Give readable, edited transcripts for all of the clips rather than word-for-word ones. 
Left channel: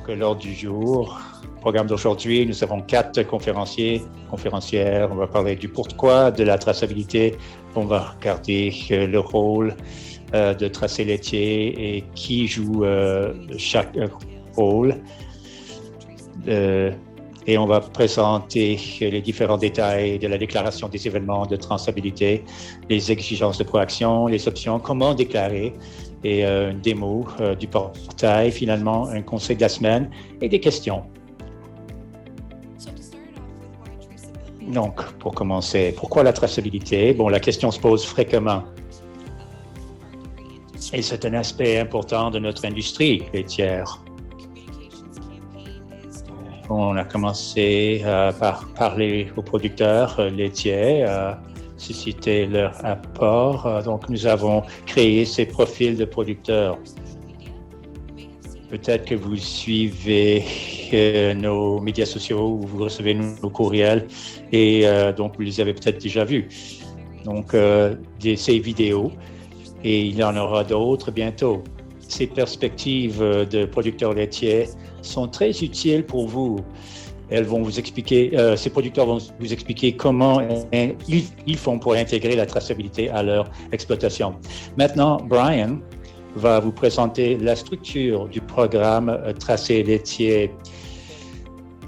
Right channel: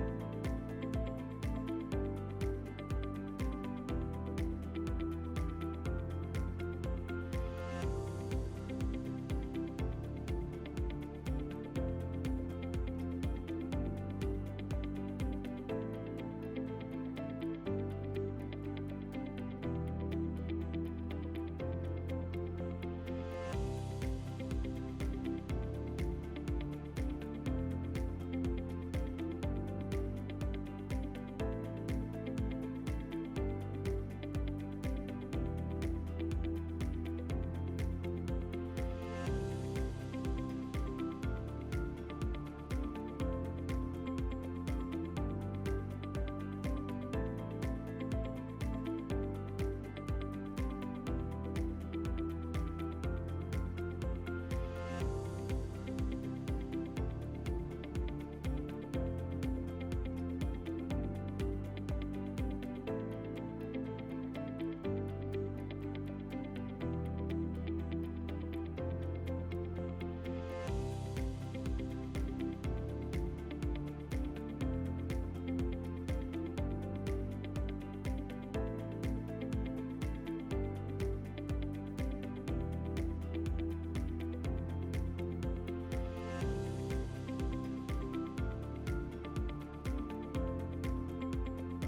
Donc, l'ordre du jour, programme d'aujourd'hui, nous avons 4 conférencières. On va parler du pourquoi de la traçabilité. On va regarder le rôle de tracé laitier et qui joue chaque rôle. Et on va présenter les différents détails de la déclaration des événements de traçabilité, les exigences de proaction, les options, comment déclarer, et une démo du portail, finalement un conseil de la semaine et des questions. Donc, pour commencer, pourquoi la traçabilité? Bon, la question se pose fréquemment. Et c'est un aspect important de notre industrie laitière. On a commencé par parler aux producteurs laitiers, susciter leur apport. Donc, nous avons créé ces profils de producteurs. Peut-être que vous suivez nos médias sociaux ou vous recevez nos courriels et donc vous les avez peut-être déjà vus. Donc, ces vidéos, et il y en aura d'autres bientôt. Ces perspectives de producteurs laitiers sont très utiles pour vous. Elles vont vous expliquer, ces producteurs vont vous expliquer comment ils font pour intégrer la traçabilité à leur exploitation. Maintenant, Brian va vous présenter la structure du programme Tracé laitier.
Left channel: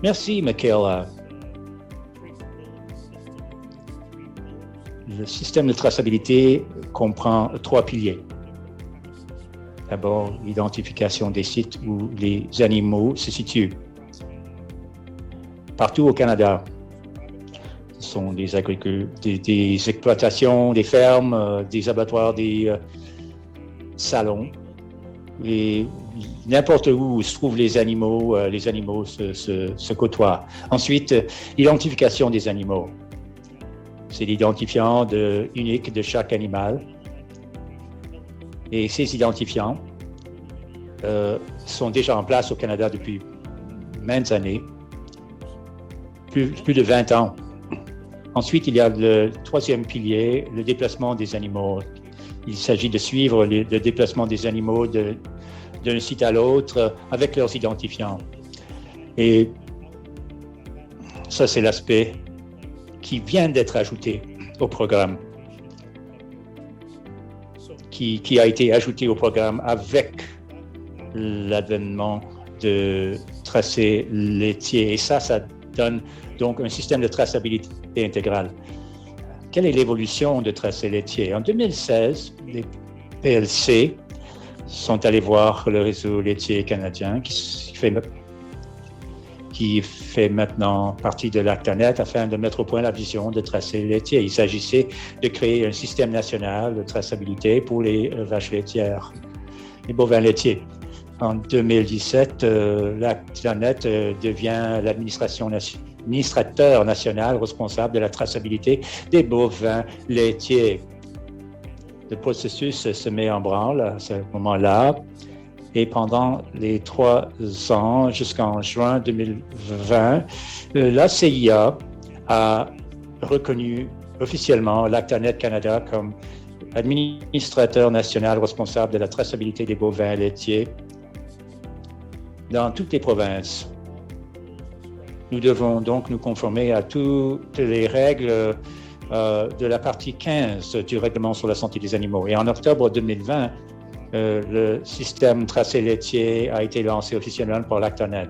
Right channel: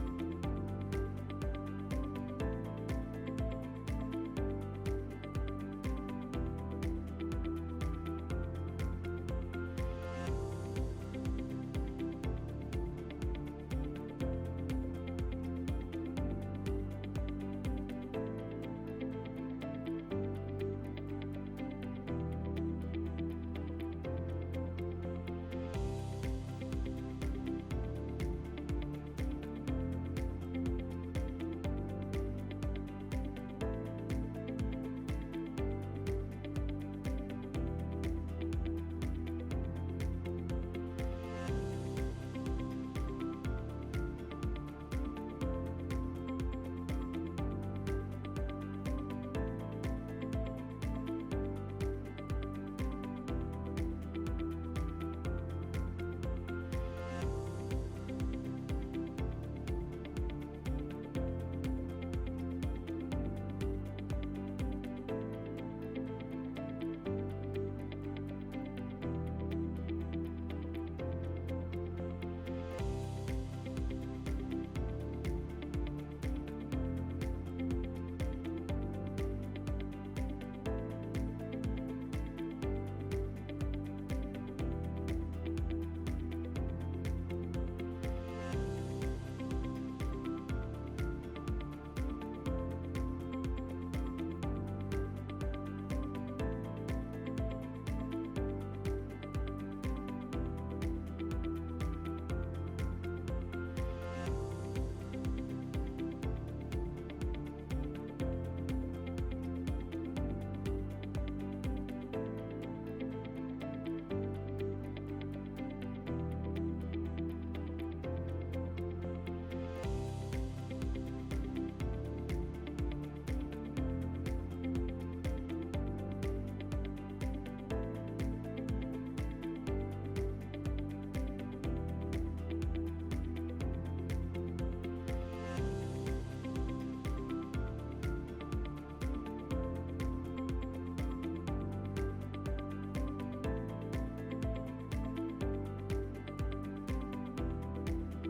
Merci, Michaela. Le système de traçabilité comprend 3 piliers. D'abord, l'identification des sites où les animaux se situent. Partout au Canada, ce sont des exploitations, des fermes, des abattoirs, des salons. Et n'importe où se trouvent les animaux se côtoient. Ensuite, l'identification des animaux. C'est l'identifiant unique de chaque animal. Et ces identifiants sont déjà en place au Canada depuis maintes années, plus de 20 ans. Ensuite, il y a le 3e pilier, le déplacement des animaux. Il s'agit de suivre le déplacement des animaux d'un site à l'autre avec leurs identifiants. Et ça, c'est l'aspect qui vient d'être ajouté au programme, qui a été ajouté au programme avec l'avènement de tracé laitier. Et ça donne donc un système de traçabilité intégrale. Quelle est l'évolution de tracé laitier? En 2016, les PLC sont allés voir le réseau laitier canadien qui fait maintenant partie de l'Actanet afin de mettre au point la vision de tracé laitier. Il s'agissait de créer un système national de traçabilité pour les vaches laitières, les bovins laitiers. En 2017, l'Actanet devient l'administrateur national responsable de la traçabilité des bovins laitiers. Le processus se met en branle à ce moment-là. Et pendant les 3 ans, jusqu'en juin 2020, la CIA a reconnu officiellement l'Actanet Canada comme administrateur national responsable de la traçabilité des bovins laitiers dans toutes les provinces. Nous devons donc nous conformer à toutes les règles de la partie 15 du règlement sur la santé des animaux. Et en octobre 2020, le système tracé laitier a été lancé officiellement par l'Actanet,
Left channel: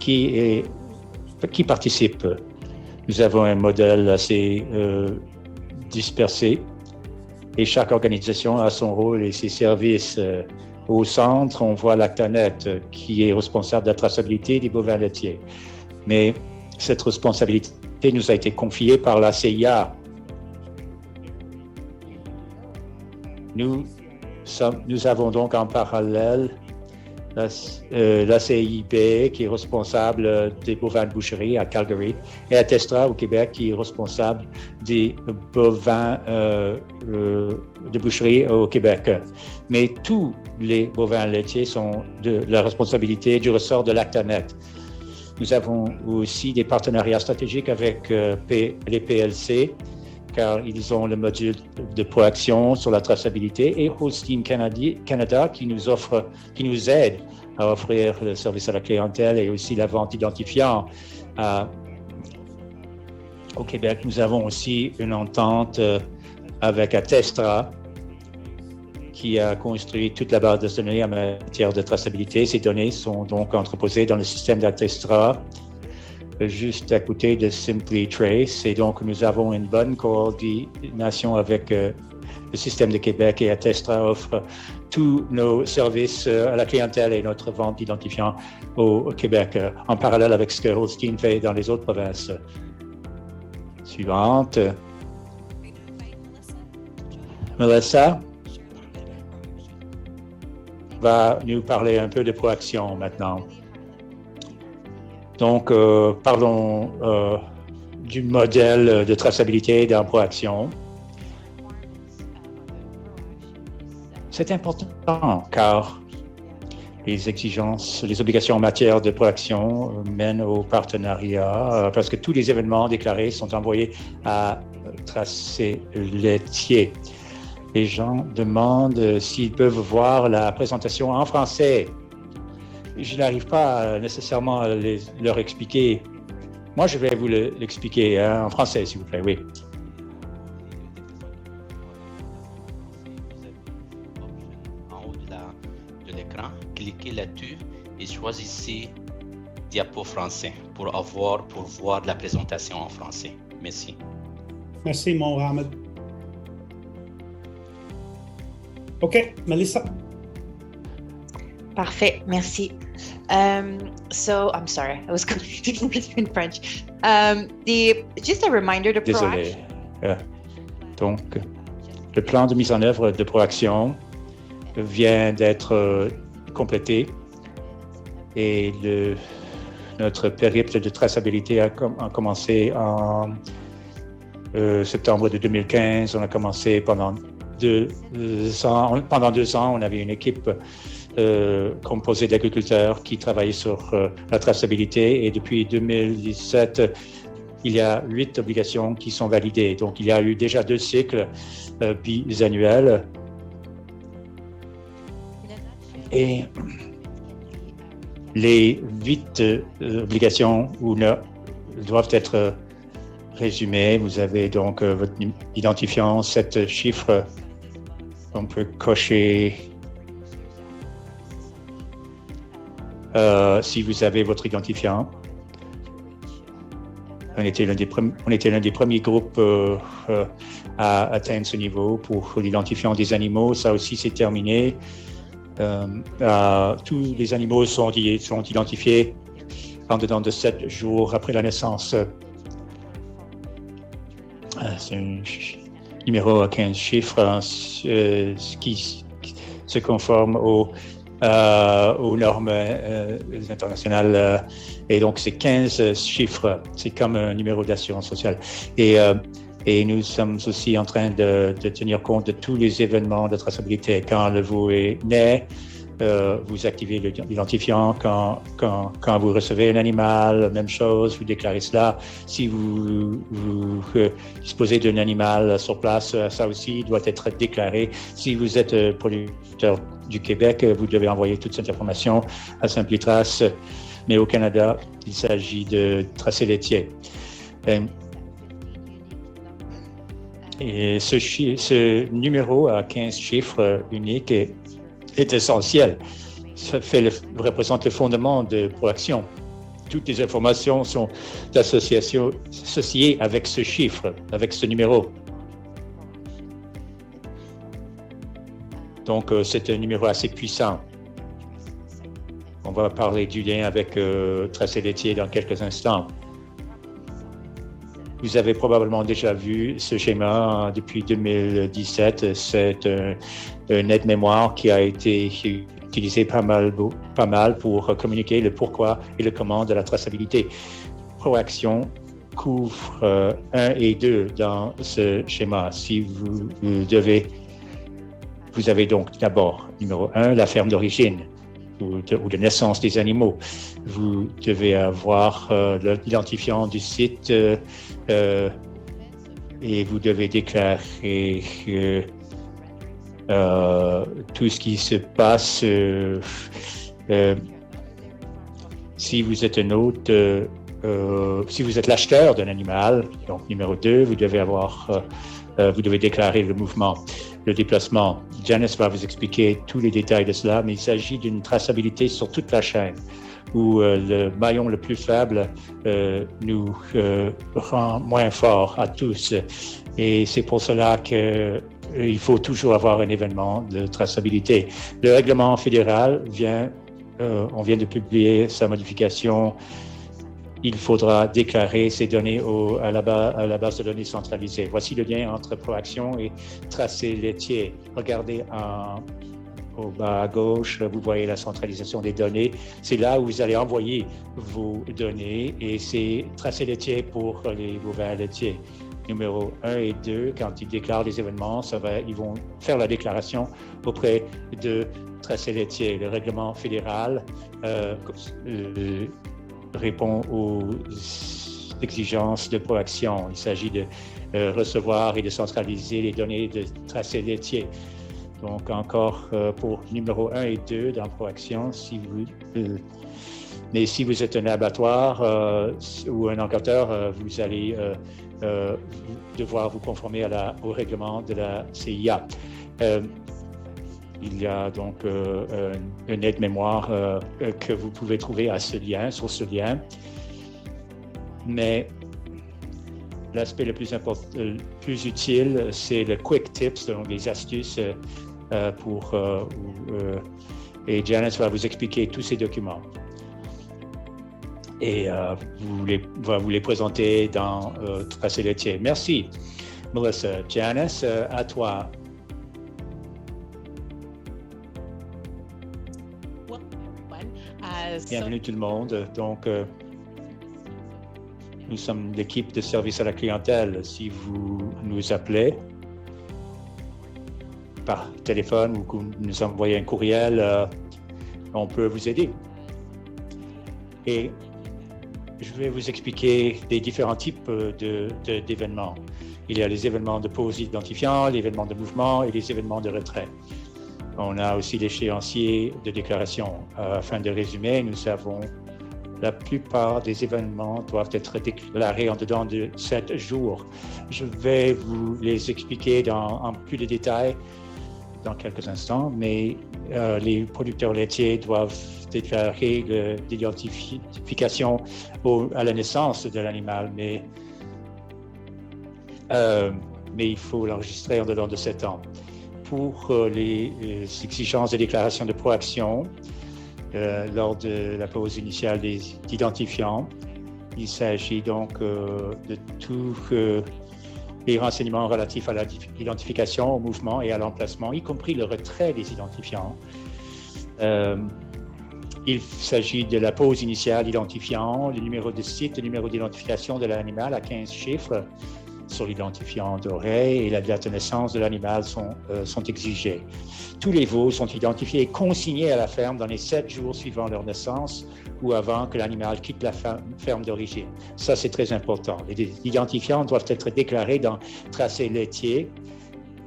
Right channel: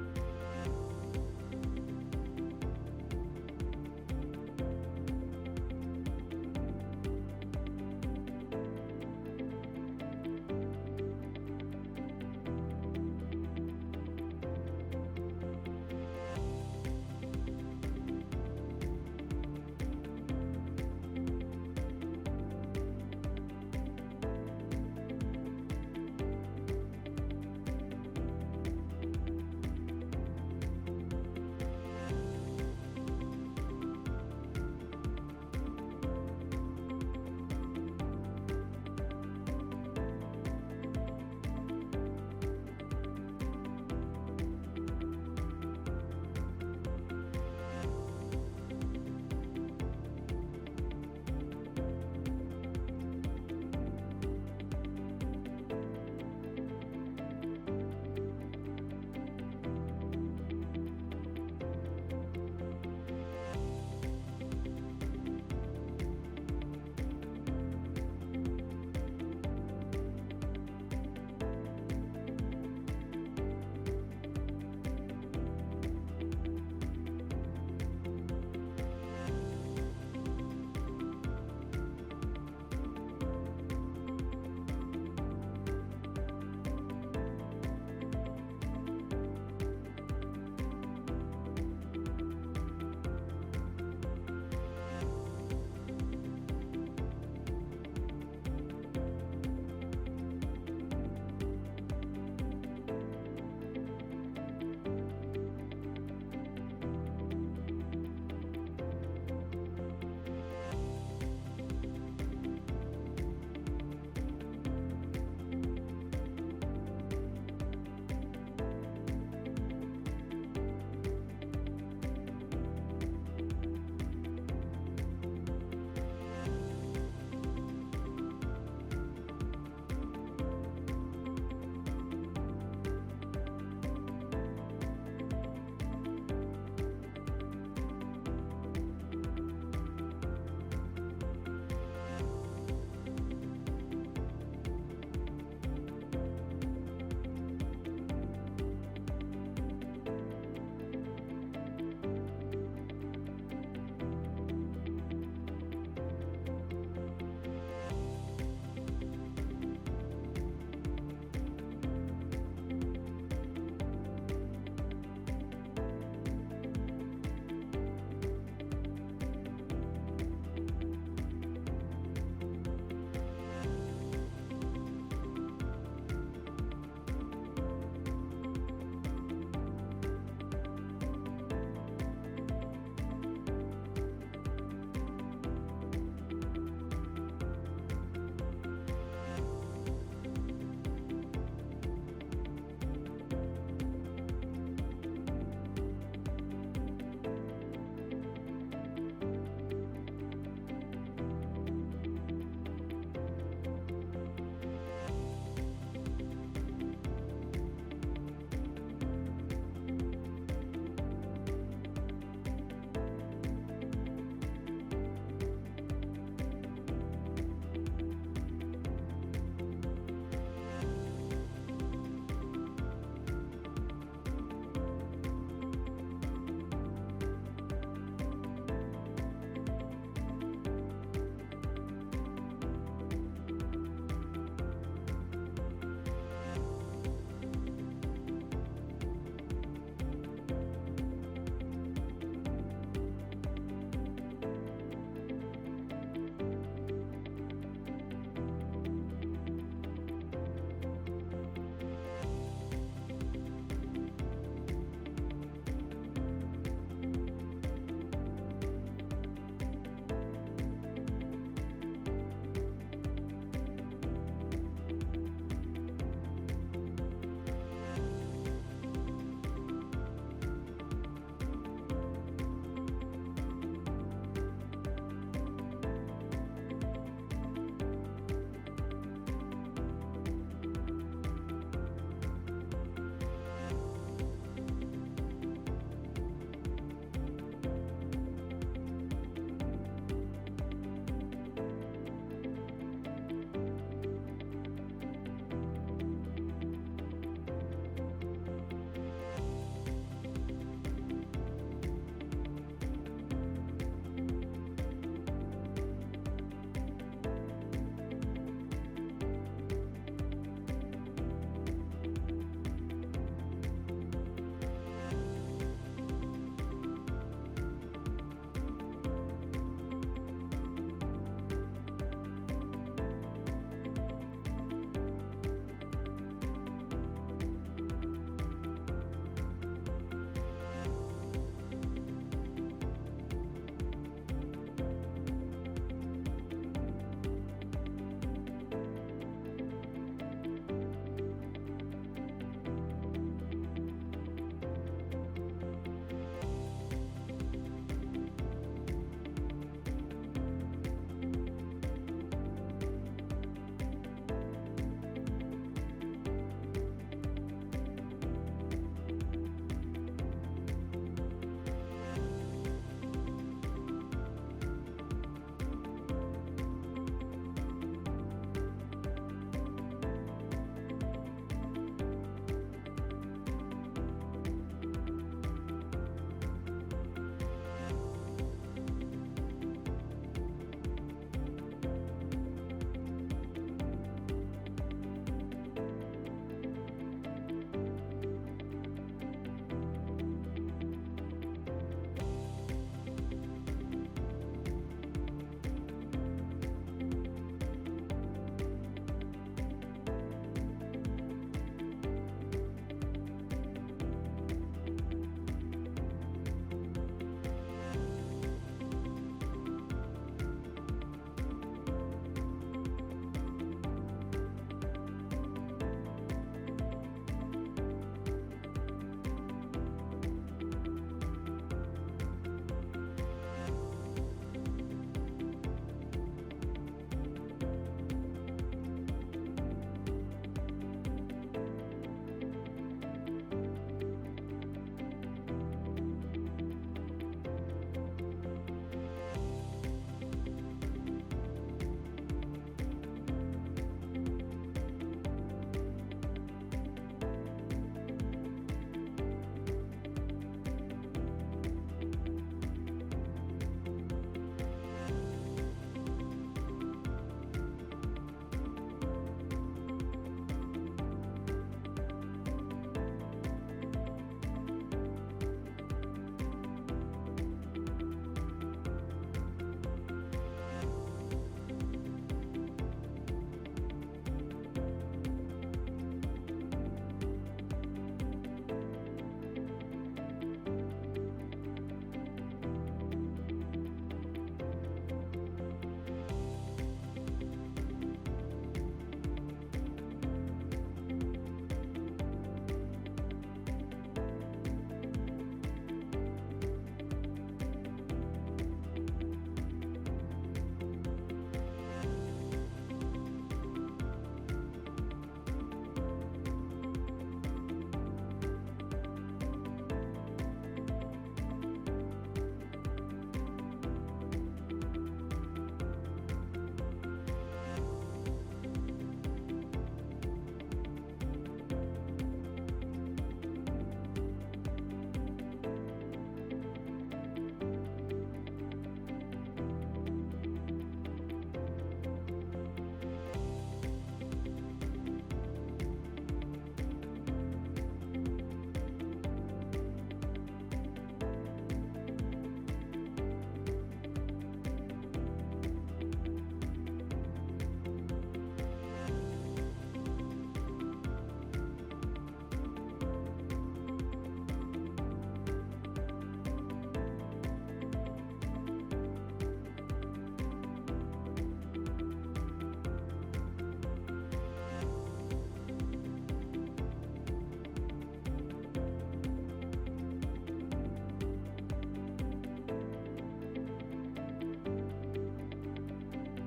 qui participe. Nous avons un modèle assez dispersé et chaque organisation a son rôle et ses services. Au centre, on voit l'Actanet qui est responsable de la traçabilité des bovins laitiers. Mais cette responsabilité nous a été confiée par la CIA. Nous avons donc en parallèle la CIB qui est responsable des bovins de boucherie à Calgary et Atestra au Québec qui est responsable des bovins de boucherie au Québec. Mais tous les bovins laitiers sont de la responsabilité du ressort de l'Actanet. Nous avons aussi des partenariats stratégiques avec les PLC car ils ont le module de proaction sur la traçabilité, et Holstein Canada qui nous aide à offrir le service à la clientèle et aussi la vente d'identifiants. Au Québec, nous avons aussi une entente avec Attestra, qui a construit toute la base de données en matière de traçabilité. Ces données sont donc entreposées dans le système d'Attestra, juste à côté de Simply Trace. Et donc, nous avons une bonne coordination avec le système de Québec, et Attestra offre tous nos services à la clientèle et notre vente d'identifiants au Québec, en parallèle avec ce que Holstein fait dans les autres provinces. Suivante. Melissa va nous parler un peu de proaction maintenant. Donc, parlons du modèle de traçabilité dans proaction. C'est important car les exigences, les obligations en matière de proaction mènent au partenariat, parce que tous les événements déclarés sont envoyés à Tracé Laitier. Les gens demandent s'ils peuvent voir la présentation en français. Je n'arrive pas nécessairement à leur expliquer. Moi, je vais vous l'expliquer en français, s'il vous plaît, oui. En haut de l'écran, cliquez là-dessus et choisissez Diapo français pour voir la présentation en français. Merci. Merci, Mohamed. OK, Melissa. Parfait, merci. So I'm sorry, I was confusing between French. Just a reminder to Désolé. Donc, le plan de mise en œuvre de proaction vient d'être complété, et notre périple de traçabilité a commencé en septembre de 2015. On a commencé pendant 2 ans. Pendant 2 ans, on avait une équipe composée d'agriculteurs qui travaillaient sur la traçabilité, et depuis 2017, il y a 8 obligations qui sont validées. Donc, il y a eu déjà 2 cycles bisannuels. Et les 8 obligations doivent être résumées. Vous avez donc votre identifiant, 7 chiffres. On peut cocher si vous avez votre identifiant. On était l'un des premiers groupes à atteindre ce niveau pour l'identifiant des animaux. Ça aussi, c'est terminé. Tous les animaux sont identifiés en dedans de 7 jours après la naissance. C'est un numéro à 15 chiffres qui se conforme aux normes internationales. Et donc, c'est 15 chiffres. C'est comme un numéro d'assurance sociale. Et nous sommes aussi en train de tenir compte de tous les événements de traçabilité. Quand le veau est né, vous activez l'identifiant. Quand vous recevez un animal, même chose, vous déclarez cela. Si vous disposez d'un animal sur place, ça aussi doit être déclaré. Si vous êtes producteur du Québec, vous devez envoyer toute cette information à Simply Trace. Mais au Canada, il s'agit de Tracé Laitier. Et ce numéro à 15 chiffres unique est essentiel. Ça représente le fondement de proaction. Toutes les informations sont associées avec ce chiffre, avec ce numéro. Donc, c'est un numéro assez puissant. On va parler du lien avec Tracé Laitier dans quelques instants. Vous avez probablement déjà vu ce schéma depuis 2017. C'est un aide-mémoire qui a été utilisé pas mal pour communiquer le pourquoi et le comment de la traçabilité. Proaction couvre 1 et 2 dans ce schéma. Si vous avez donc d'abord, numéro 1, la ferme d'origine ou de naissance des animaux. Vous devez avoir l'identifiant du site et vous devez déclarer tout ce qui se passe. Si vous êtes un hôte, si vous êtes l'acheteur d'un animal, donc numéro 2, vous devez déclarer le mouvement, le déplacement. Janice va vous expliquer tous les détails de cela, mais il s'agit d'une traçabilité sur toute la chaîne, où le maillon le plus faible nous rend moins forts à tous. Et c'est pour cela qu'il faut toujours avoir un événement de traçabilité. Le règlement fédéral on vient de publier sa modification. Il faudra déclarer ces données à la base de données centralisée. Voici le lien entre Proaction et tracé laitier. Regardez au bas à gauche, vous voyez la centralisation des données. C'est là où vous allez envoyer vos données et c'est tracé laitier pour les bovins laitiers. Numéro 1 et 2, quand ils déclarent les événements, ils vont faire la déclaration auprès de tracé laitier. Le règlement fédéral répond aux exigences de Proaction. Il s'agit de recevoir et de centraliser les données de tracé laitier. Donc encore pour numéro 1 et 2 dans Proaction, mais si vous êtes un abattoir ou un encanteur, vous allez devoir vous conformer au règlement de la CIA. Il y a donc une aide-mémoire que vous pouvez trouver sur ce lien. Mais l'aspect le plus utile, c'est le Quick Tips, donc les astuces et Janice va vous expliquer tous ces documents. Et va vous les présenter dans Tracé laitier. Merci, Melissa. Janice, à toi. Bienvenue tout le monde. Donc, nous sommes l'équipe de service à la clientèle. Si vous nous appelez par téléphone ou que vous nous envoyez un courriel, on peut vous aider. Et je vais vous expliquer les différents types d'événements. Il y a les événements de pause identifiant, les événements de mouvement et les événements de retrait. On a aussi l'échéancier de déclaration. Afin de résumer, nous avons la plupart des événements doivent être déclarés en dedans de 7 jours. Je vais vous les expliquer en plus de détails dans quelques instants, mais les producteurs laitiers doivent déclarer l'identification à la naissance de l'animal, mais il faut l'enregistrer en dedans de 7 ans. Pour les exigences de déclaration de Proaction, lors de la pause initiale des identifiants, il s'agit donc de tous les renseignements relatifs à l'identification, au mouvement et à l'emplacement, y compris le retrait des identifiants. Il s'agit de la pause initiale identifiant, le numéro de site, le numéro d'identification de l'animal à 15 chiffres sur l'identifiant d'oreille et la date de naissance de l'animal sont exigés. Tous les veaux sont identifiés et consignés à la ferme dans les 7 jours suivant leur naissance ou avant que l'animal quitte la ferme d'origine. Ça, c'est très important. Les identifiants doivent être déclarés dans tracé laitier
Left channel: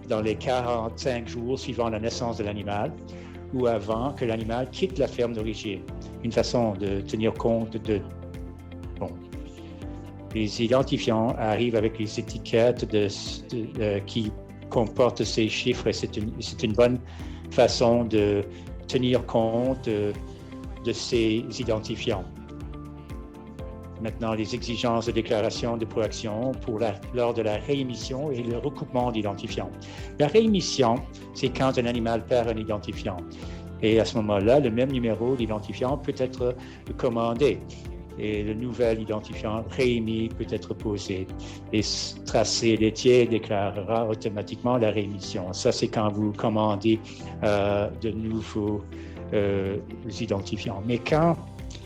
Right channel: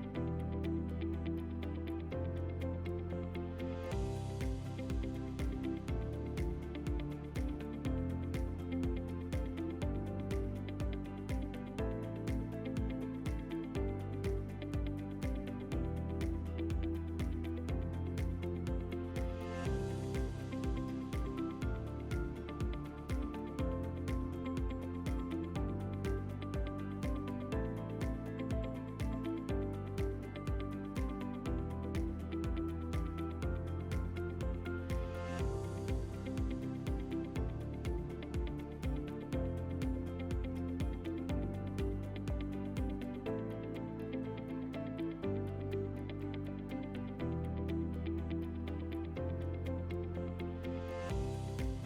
dans les 45 jours suivant la naissance de l'animal ou avant que l'animal quitte la ferme d'origine. Une façon de tenir compte les identifiants arrivent avec les étiquettes qui comportent ces chiffres et c'est une bonne façon de tenir compte de ces identifiants. Maintenant, les exigences de déclaration de Proaction lors de la réémission et le recoupement d'identifiants. La réémission, c'est quand un animal perd un identifiant. Et à ce moment-là, le même numéro d'identifiant peut être commandé. Et le nouvel identifiant réémis peut être posé. Et tracé laitier déclarera automatiquement la réémission. Ça, c'est quand vous commandez de nouveaux identifiants. Mais quand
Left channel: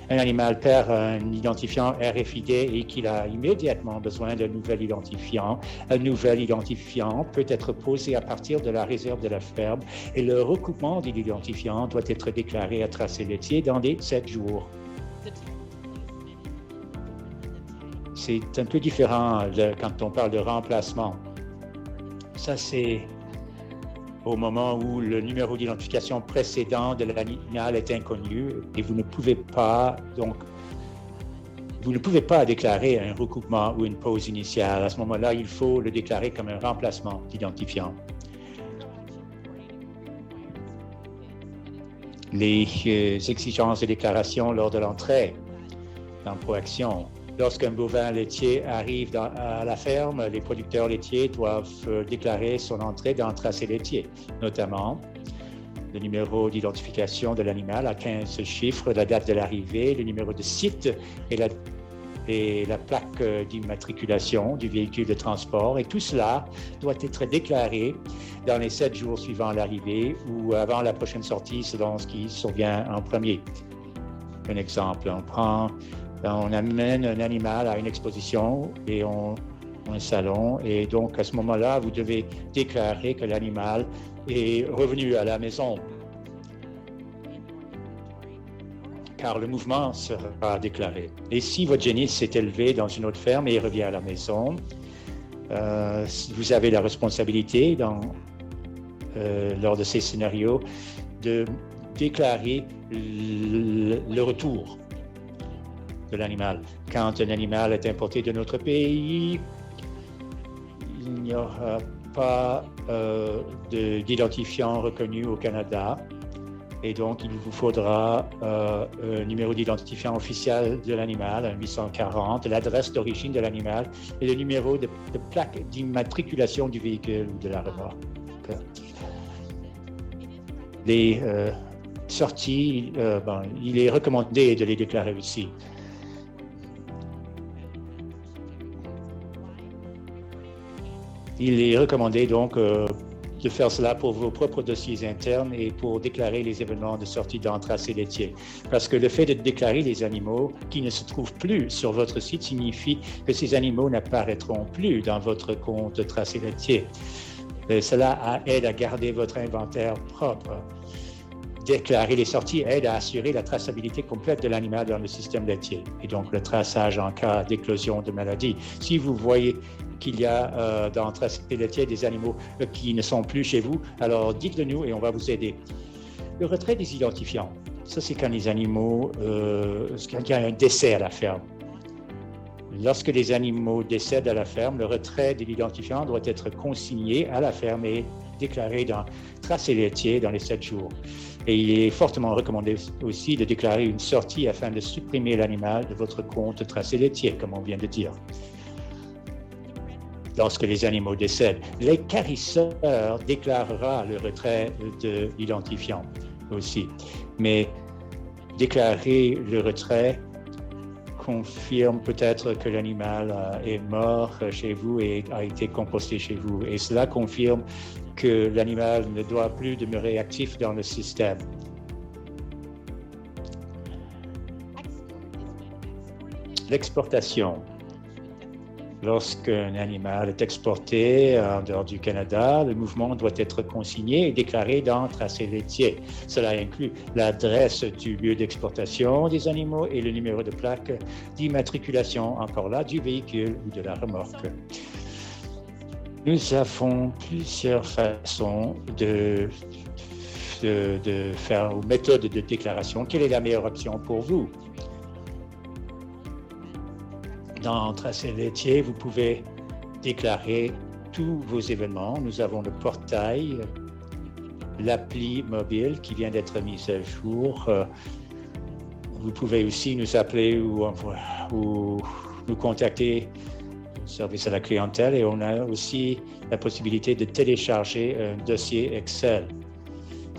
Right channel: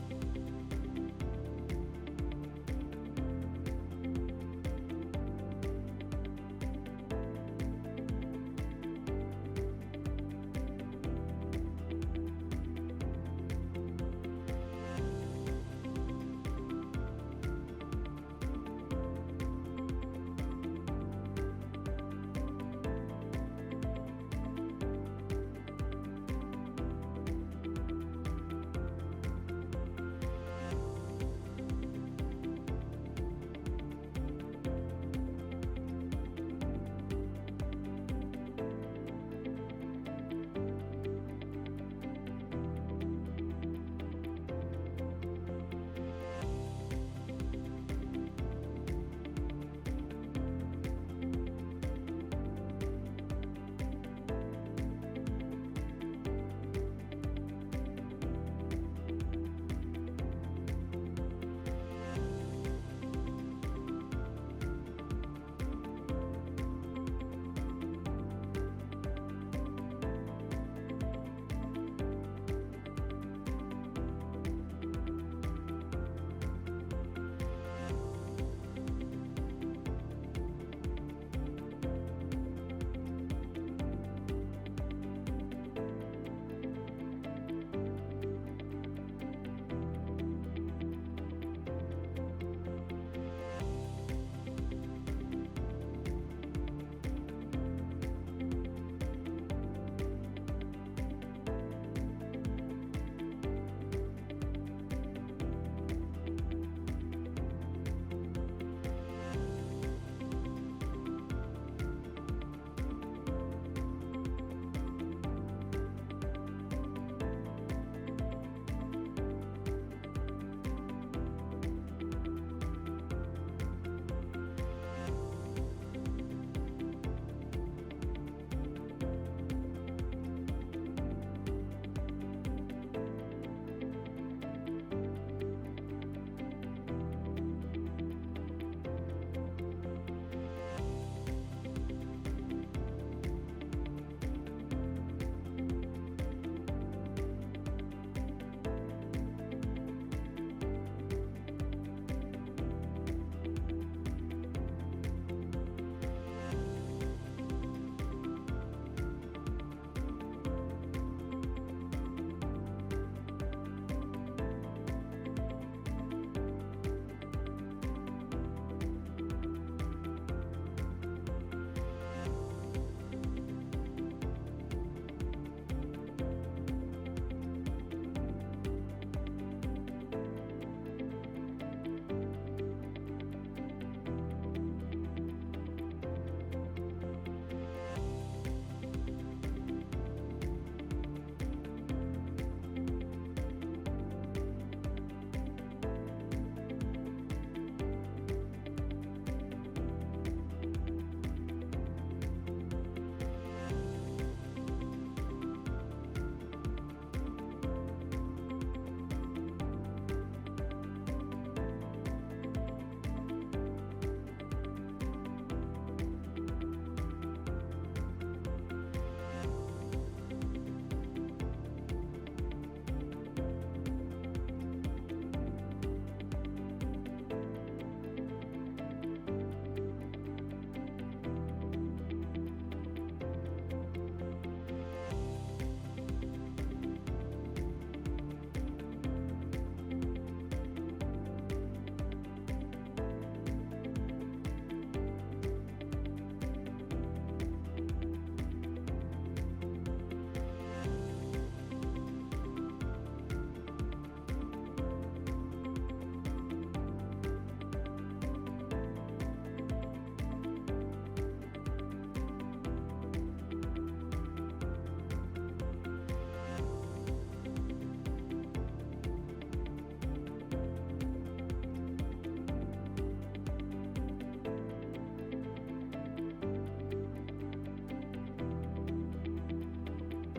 un animal perd un identifiant RFID et qu'il a immédiatement besoin d'un nouvel identifiant, un nouvel identifiant peut être posé à partir de la réserve de la ferme et le recoupement de l'identifiant doit être déclaré à tracé laitier dans les 7 jours. c'est un peu différent quand on parle de remplacement. Ça, c'est au moment où le numéro d'identification précédent de l'animal est inconnu et vous ne pouvez pas déclarer un recoupement ou une pause initiale. À ce moment-là, il faut le déclarer comme un remplacement d'identifiant. Les exigences de déclaration lors de l'entrée dans Proaction. Lorsqu'un bovin laitier arrive à la ferme, les producteurs laitiers doivent déclarer son entrée dans le tracé laitier, notamment le numéro d'identification de l'animal à 15 chiffres, la date de l'arrivée, le numéro de site et la plaque d'immatriculation du véhicule de transport. Et tout cela doit être déclaré dans les 7 jours suivant l'arrivée ou avant la prochaine sortie selon ce qui survient en premier. Un exemple, on amène un animal à une exposition et un salon, et donc à ce moment-là, vous devez déclarer que l'animal est revenu à la maison, car le mouvement sera déclaré. Et si votre génisse s'est élevé dans une autre ferme et revient à la maison, vous avez la responsabilité lors de ces scénarios de déclarer le retour de l'animal. Quand un animal est importé de notre pays, il n'y aura pas d'identifiant reconnu au Canada et donc il vous faudra un numéro d'identifiant officiel de l'animal, un 840, l'adresse d'origine de l'animal et le numéro de plaque d'immatriculation du véhicule ou de la remorque. Les sorties, il est recommandé de les déclarer aussi. Il est recommandé donc de faire cela pour vos propres dossiers internes et pour déclarer les événements de sortie dans le tracé laitier. Parce que le fait de déclarer les animaux qui ne se trouvent plus sur votre site signifie que ces animaux n'apparaîtront plus dans votre compte de tracé laitier. Cela aide à garder votre inventaire propre. Déclarer les sorties aide à assurer la traçabilité complète de l'animal dans le système laitier et donc le traçage en cas d'éclosion de maladie. Si vous voyez qu'il y a dans le tracé laitier des animaux qui ne sont plus chez vous, alors dites-le nous et on va vous aider. Le retrait des identifiants, ça c'est quand les animaux, quand il y a un décès à la ferme. Lorsque les animaux décèdent à la ferme, le retrait de l'identifiant doit être consigné à la ferme et déclaré dans le tracé laitier dans les 7 jours. Et il est fortement recommandé aussi de déclarer une sortie afin de supprimer l'animal de votre compte tracé laitier, comme on vient de dire. Lorsque les animaux décèdent, l'équarrisseur déclarera le retrait de l'identifiant aussi. Mais déclarer le retrait confirme peut-être que l'animal est mort chez vous et a été composté chez vous. Et cela confirme que l'animal ne doit plus demeurer actif dans le système. L'exportation. Lorsqu'un animal est exporté en dehors du Canada, le mouvement doit être consigné et déclaré dans le tracé laitier. Cela inclut l'adresse du lieu d'exportation des animaux et le numéro de plaque d'immatriculation, encore là, du véhicule ou de la remorque. Nous avons plusieurs façons de faire, ou méthodes de déclaration. Quelle est la meilleure option pour vous? Dans le tracé laitier, vous pouvez déclarer tous vos événements. Nous avons le portail, l'appli mobile qui vient d'être mise à jour. Vous pouvez aussi nous appeler ou nous contacter au service à la clientèle et on a aussi la possibilité de télécharger un dossier Excel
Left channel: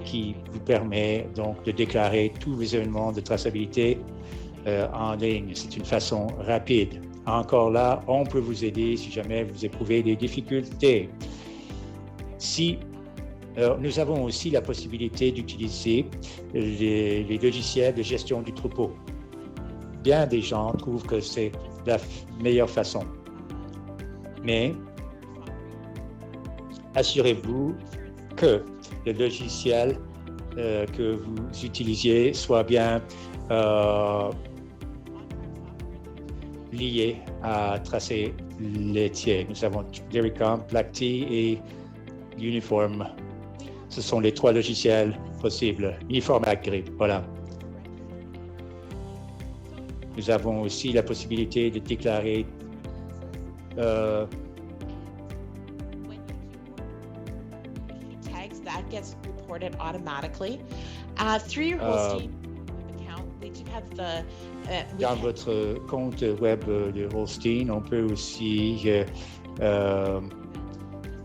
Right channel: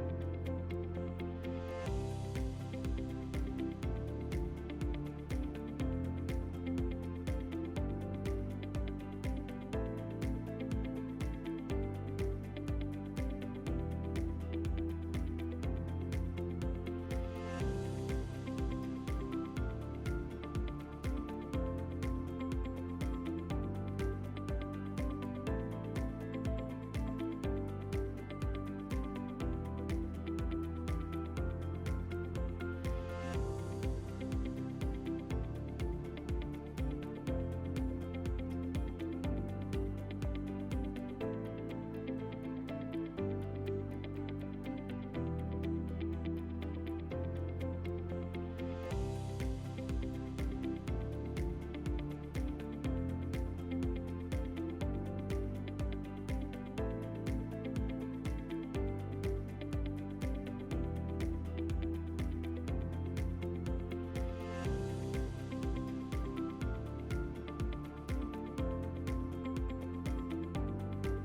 qui vous permet donc de déclarer tous les événements de traçabilité en ligne. C'est une façon rapide. Encore là, on peut vous aider si jamais vous éprouvez des difficultés. Nous avons aussi la possibilité d'utiliser les logiciels de gestion du troupeau. Bien des gens trouvent que c'est la meilleure façon. Mais assurez-vous que le logiciel que vous utilisiez soit bien liés à tracer laitier. Nous avons Dairycom, Black Tea et Uniform. Ce sont les 3 logiciels possibles. Uniform Agri, voilà. Nous avons aussi la possibilité de déclarer tags that gets reported automatically through your Holstein account. They do have the dans votre compte web de Holstein, on peut aussi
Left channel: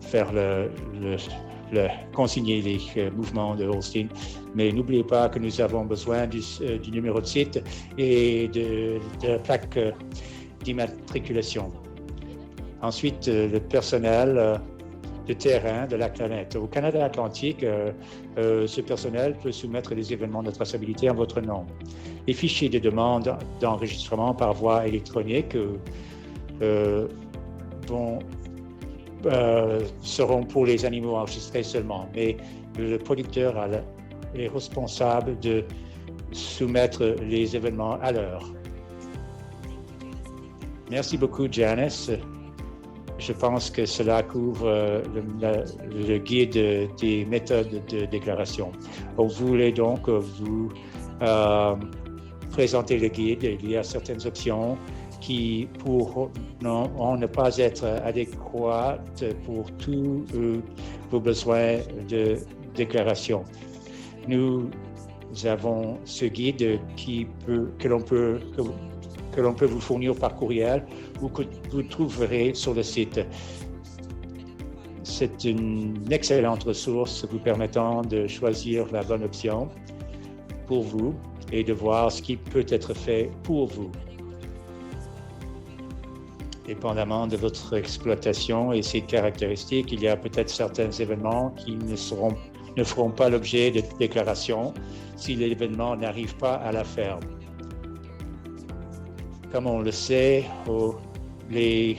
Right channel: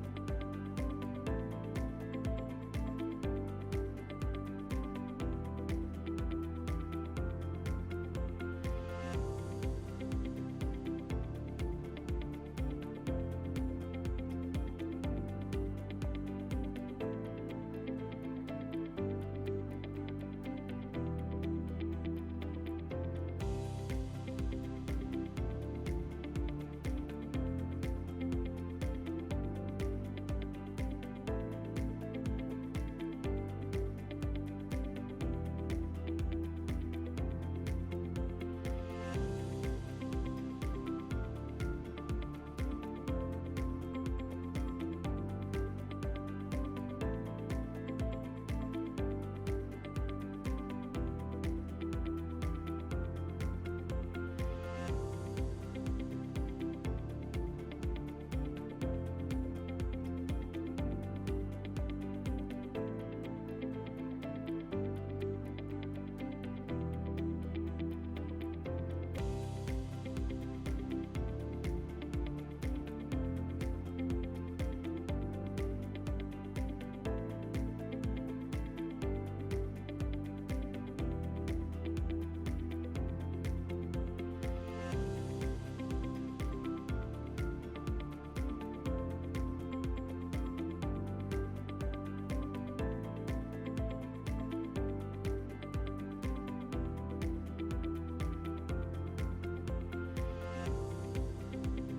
faire consigner les mouvements de Holstein. Mais n'oubliez pas que nous avons besoin du numéro de site et de la plaque d'immatriculation. Ensuite, le personnel de terrain de la planète. Au Canada Atlantique, ce personnel peut soumettre des événements de traçabilité en votre nom. Les fichiers de demande d'enregistrement par voie électronique seront pour les animaux enregistrés seulement, mais le producteur est responsable de soumettre les événements à l'heure. Merci beaucoup, Janice. Je pense que cela couvre le guide des méthodes de déclaration. On voulait donc vous présenter le guide. Il y a certaines options qui pourront ne pas être adéquates pour tous vos besoins de déclaration. Nous avons ce guide que l'on peut vous fournir par courriel ou que vous trouverez sur le site. C'est une excellente ressource vous permettant de choisir la bonne option pour vous et de voir ce qui peut être fait pour vous. Dépendamment de votre exploitation et ses caractéristiques, il y a peut-être certains événements qui ne feront pas l'objet de déclaration si l'événement n'arrive pas à la ferme. Comme on le sait, les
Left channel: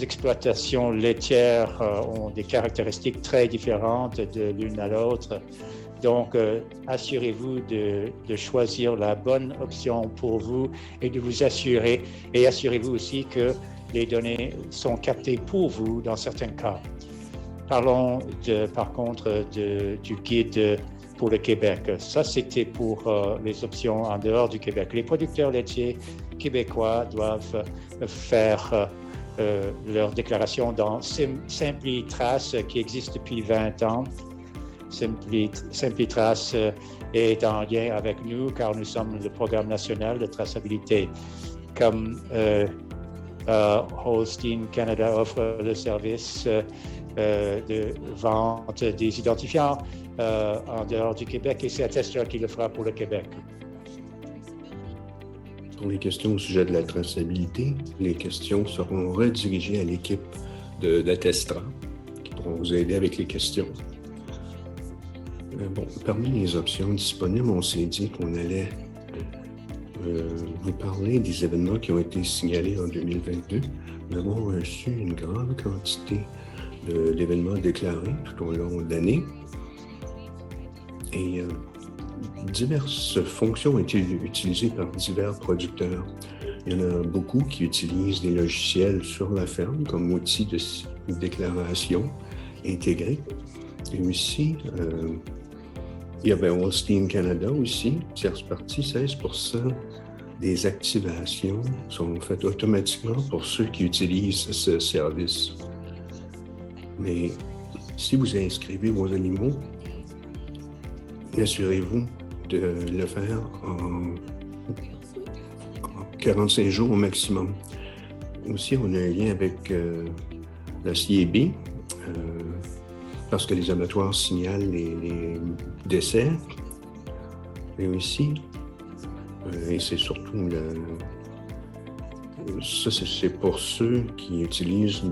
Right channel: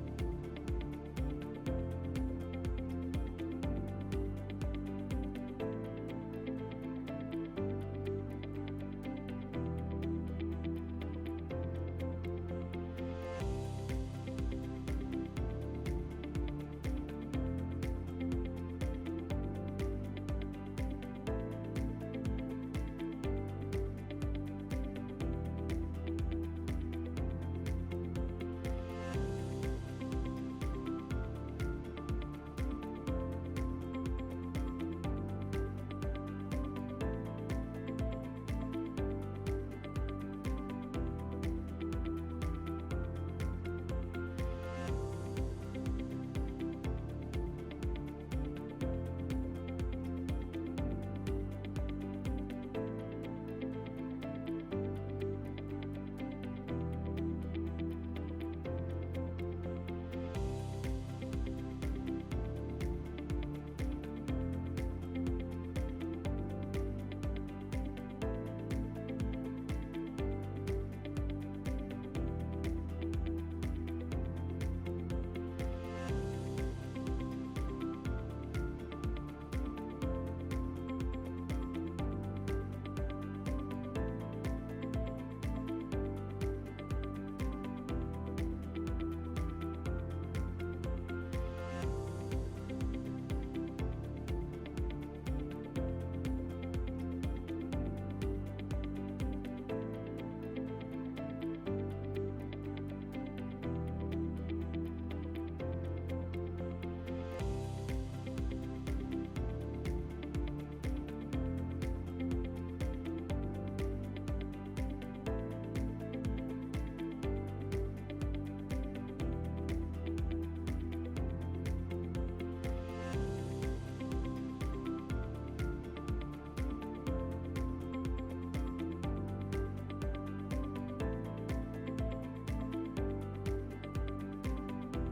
exploitations laitières ont des caractéristiques très différentes de l'une à l'autre. Donc, assurez-vous de choisir la bonne option pour vous et de vous assurer, et assurez-vous aussi que les données sont captées pour vous dans certains cas. Parlons par contre du guide pour le Québec. Ça, c'était pour les options en dehors du Québec. Les producteurs laitiers québécois doivent faire leur déclaration dans SimpliTrace qui existe depuis 20 ans. SimpliTrace est en lien avec nous car nous sommes le programme national de traçabilité. Comme Holstein Canada offre le service de vente des identifiants en dehors du Québec et c'est Attestor qui le fera pour le Québec. Pour les questions au sujet de la traçabilité, les questions seront redirigées à l'équipe d'Attestor qui pourront vous aider avec les questions. Parmi les options disponibles, on s'est dit qu'on allait vous parler des événements qui ont été signalés en 2022. Nous avons reçu une grande quantité d'événements déclarés tout au long de l'année. Et diverses fonctions ont été utilisées par divers producteurs. Il y en a beaucoup qui utilisent des logiciels sur la ferme comme outil de déclaration intégré. Et aussi, il y avait Holstein Canada aussi, tierce partie, 16% des activations sont faites automatiquement pour ceux qui utilisent ce service. Mais si vous inscrivez vos animaux, assurez-vous de le faire en 45 jours au maximum. Aussi, on a un lien avec la CIB, parce que les abattoirs signalent les décès, mais aussi, et c'est surtout ça, c'est pour ceux qui utilisent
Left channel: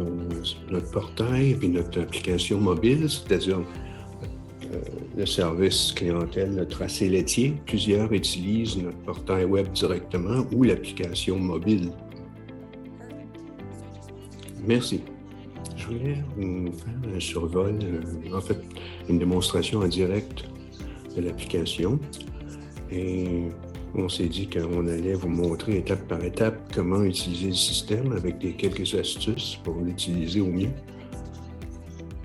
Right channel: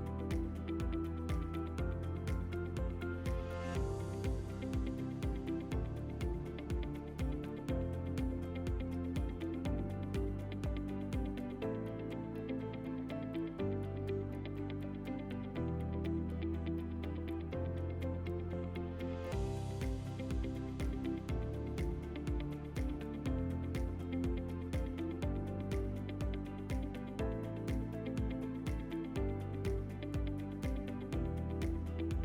notre portail et notre application mobile, c'est-à-dire le service clientèle, le tracé laitier. Plusieurs utilisent notre portail web directement ou l'application mobile. Merci. Je voulais vous faire un survol, en fait, une démonstration en direct de l'application. Et On s'est dit qu'on allait vous montrer étape par étape comment utiliser le système avec quelques astuces pour l'utiliser au mieux.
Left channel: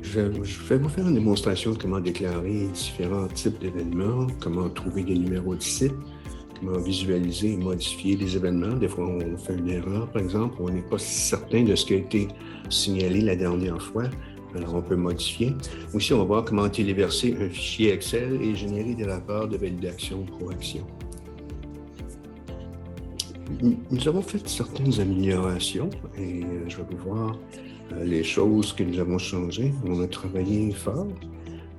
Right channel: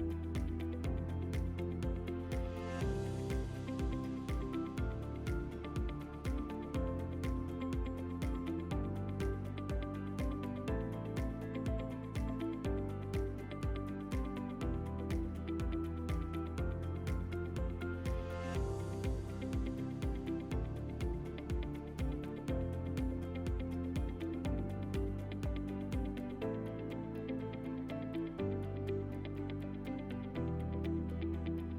Je vais vous faire une démonstration de comment déclarer différents types d'événements, comment trouver des numéros de site, comment visualiser et modifier les événements. Des fois, on fait une erreur, par exemple, on n'est pas certain de ce qui a été signalé la dernière fois, alors on peut modifier. Aussi, on va voir comment téléverser un fichier Excel et générer des rapports de validation pro-action. Nous avons fait certaines améliorations et je vais vous voir les choses que nous avons changées. On a travaillé fort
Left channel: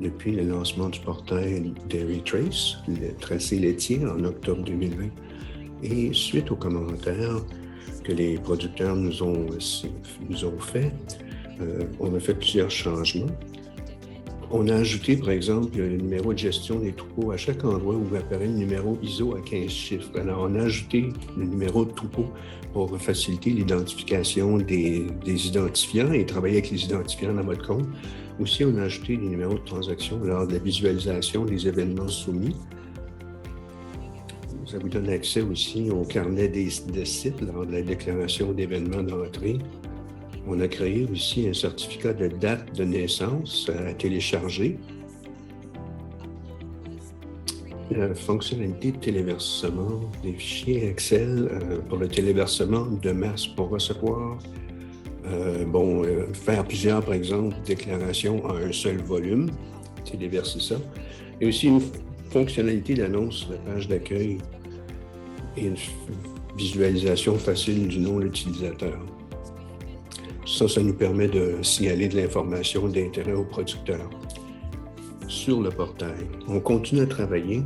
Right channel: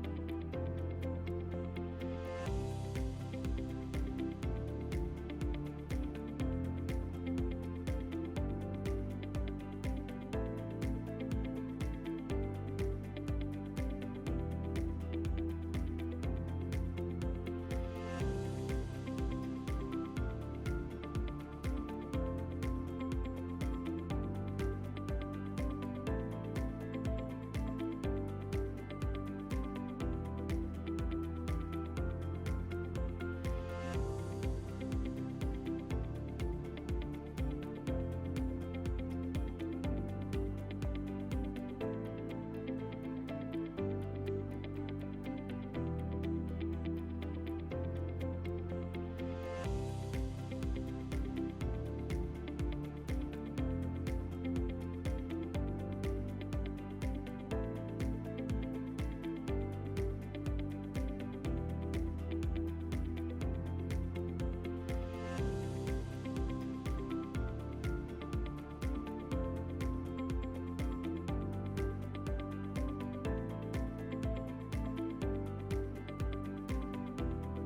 depuis le lancement du portail Dairy Trace, le tracé laitier en octobre 2020. Et suite aux commentaires que les producteurs nous ont fait, on a fait plusieurs changements. On a ajouté, par exemple, le numéro de gestion des troupeaux à chaque endroit où apparaît le numéro ISO à 15 chiffres. Alors, on a ajouté le numéro de troupeau pour faciliter l'identification des identifiants et travailler avec les identifiants dans votre compte. Aussi, on a ajouté les numéros de transaction lors de la visualisation des événements soumis. Ça vous donne accès aussi au carnet des sites lors de la déclaration d'événements d'entrée. On a créé aussi un certificat de date de naissance à télécharger. La fonctionnalité de téléversement des fichiers Excel pour le téléversement de masse pour recevoir. Faire plusieurs, par exemple, déclarations en un seul volume, téléverser ça. Et aussi une fonctionnalité d'annonce sur la page d'accueil et une visualisation facile du nom de l'utilisateur. Ça nous permet de signaler de l'information d'intérêt aux producteurs. Sur le portail, on continue à travailler.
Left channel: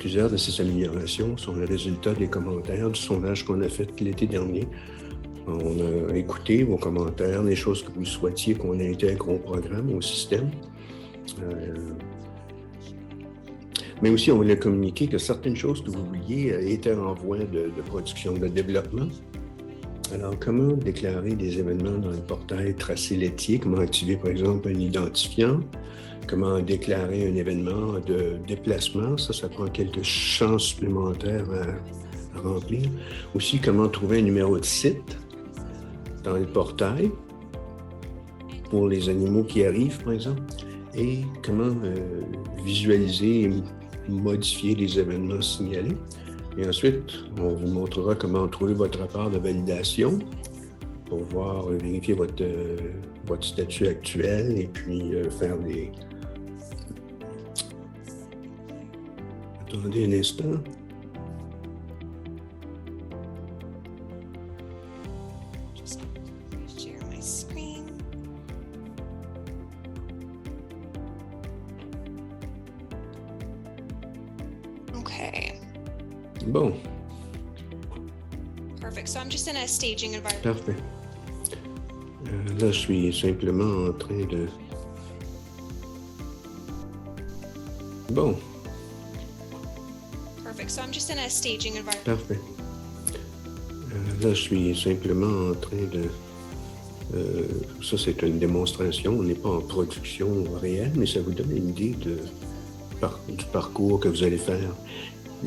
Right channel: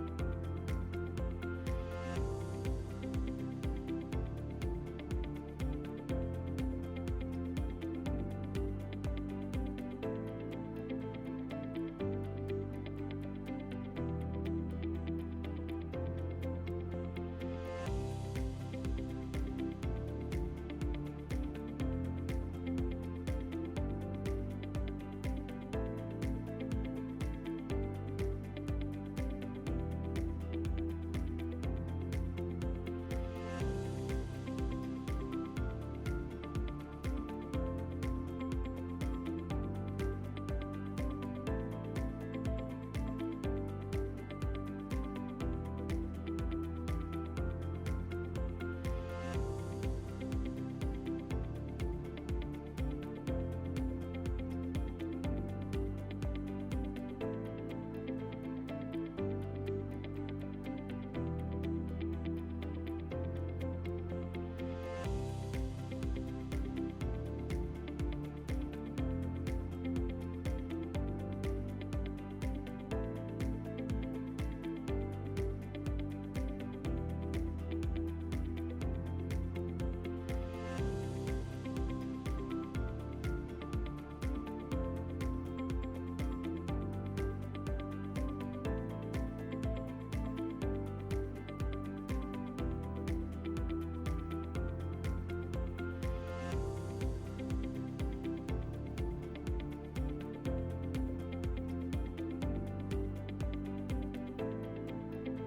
Plusieurs de ces améliorations sont le résultat des commentaires du sondage qu'on a fait l'été dernier. On a écouté vos commentaires, les choses que vous souhaitiez qu'on intègre au programme, au système. Mais aussi, on voulait communiquer que certaines choses que vous vouliez étaient en voie de production, de développement. Alors, comment déclarer des événements dans le portail tracé laitier? Comment activer, par exemple, un identifiant? Comment déclarer un événement de déplacement? Ça prend quelques champs supplémentaires à remplir. Aussi, comment trouver un numéro de site dans le portail pour les animaux qui arrivent, par exemple. Et comment visualiser et modifier les événements signalés. Et ensuite, on vous montrera comment trouver votre rapport de validation pour voir, vérifier votre statut actuel et puis faire des... Attendez un instant. Share my screen. Okay. Bon. Perfect. So I'm just in a staging environment. Parfait. Là, je suis simplement en train de... Bon. Perfect. So I'm just in a staging environment. Parfait. Là, je suis simplement en train de... ça, c'est une démonstration. On n'est pas en production réelle, mais ça vous donne une idée du parcours que vous allez faire.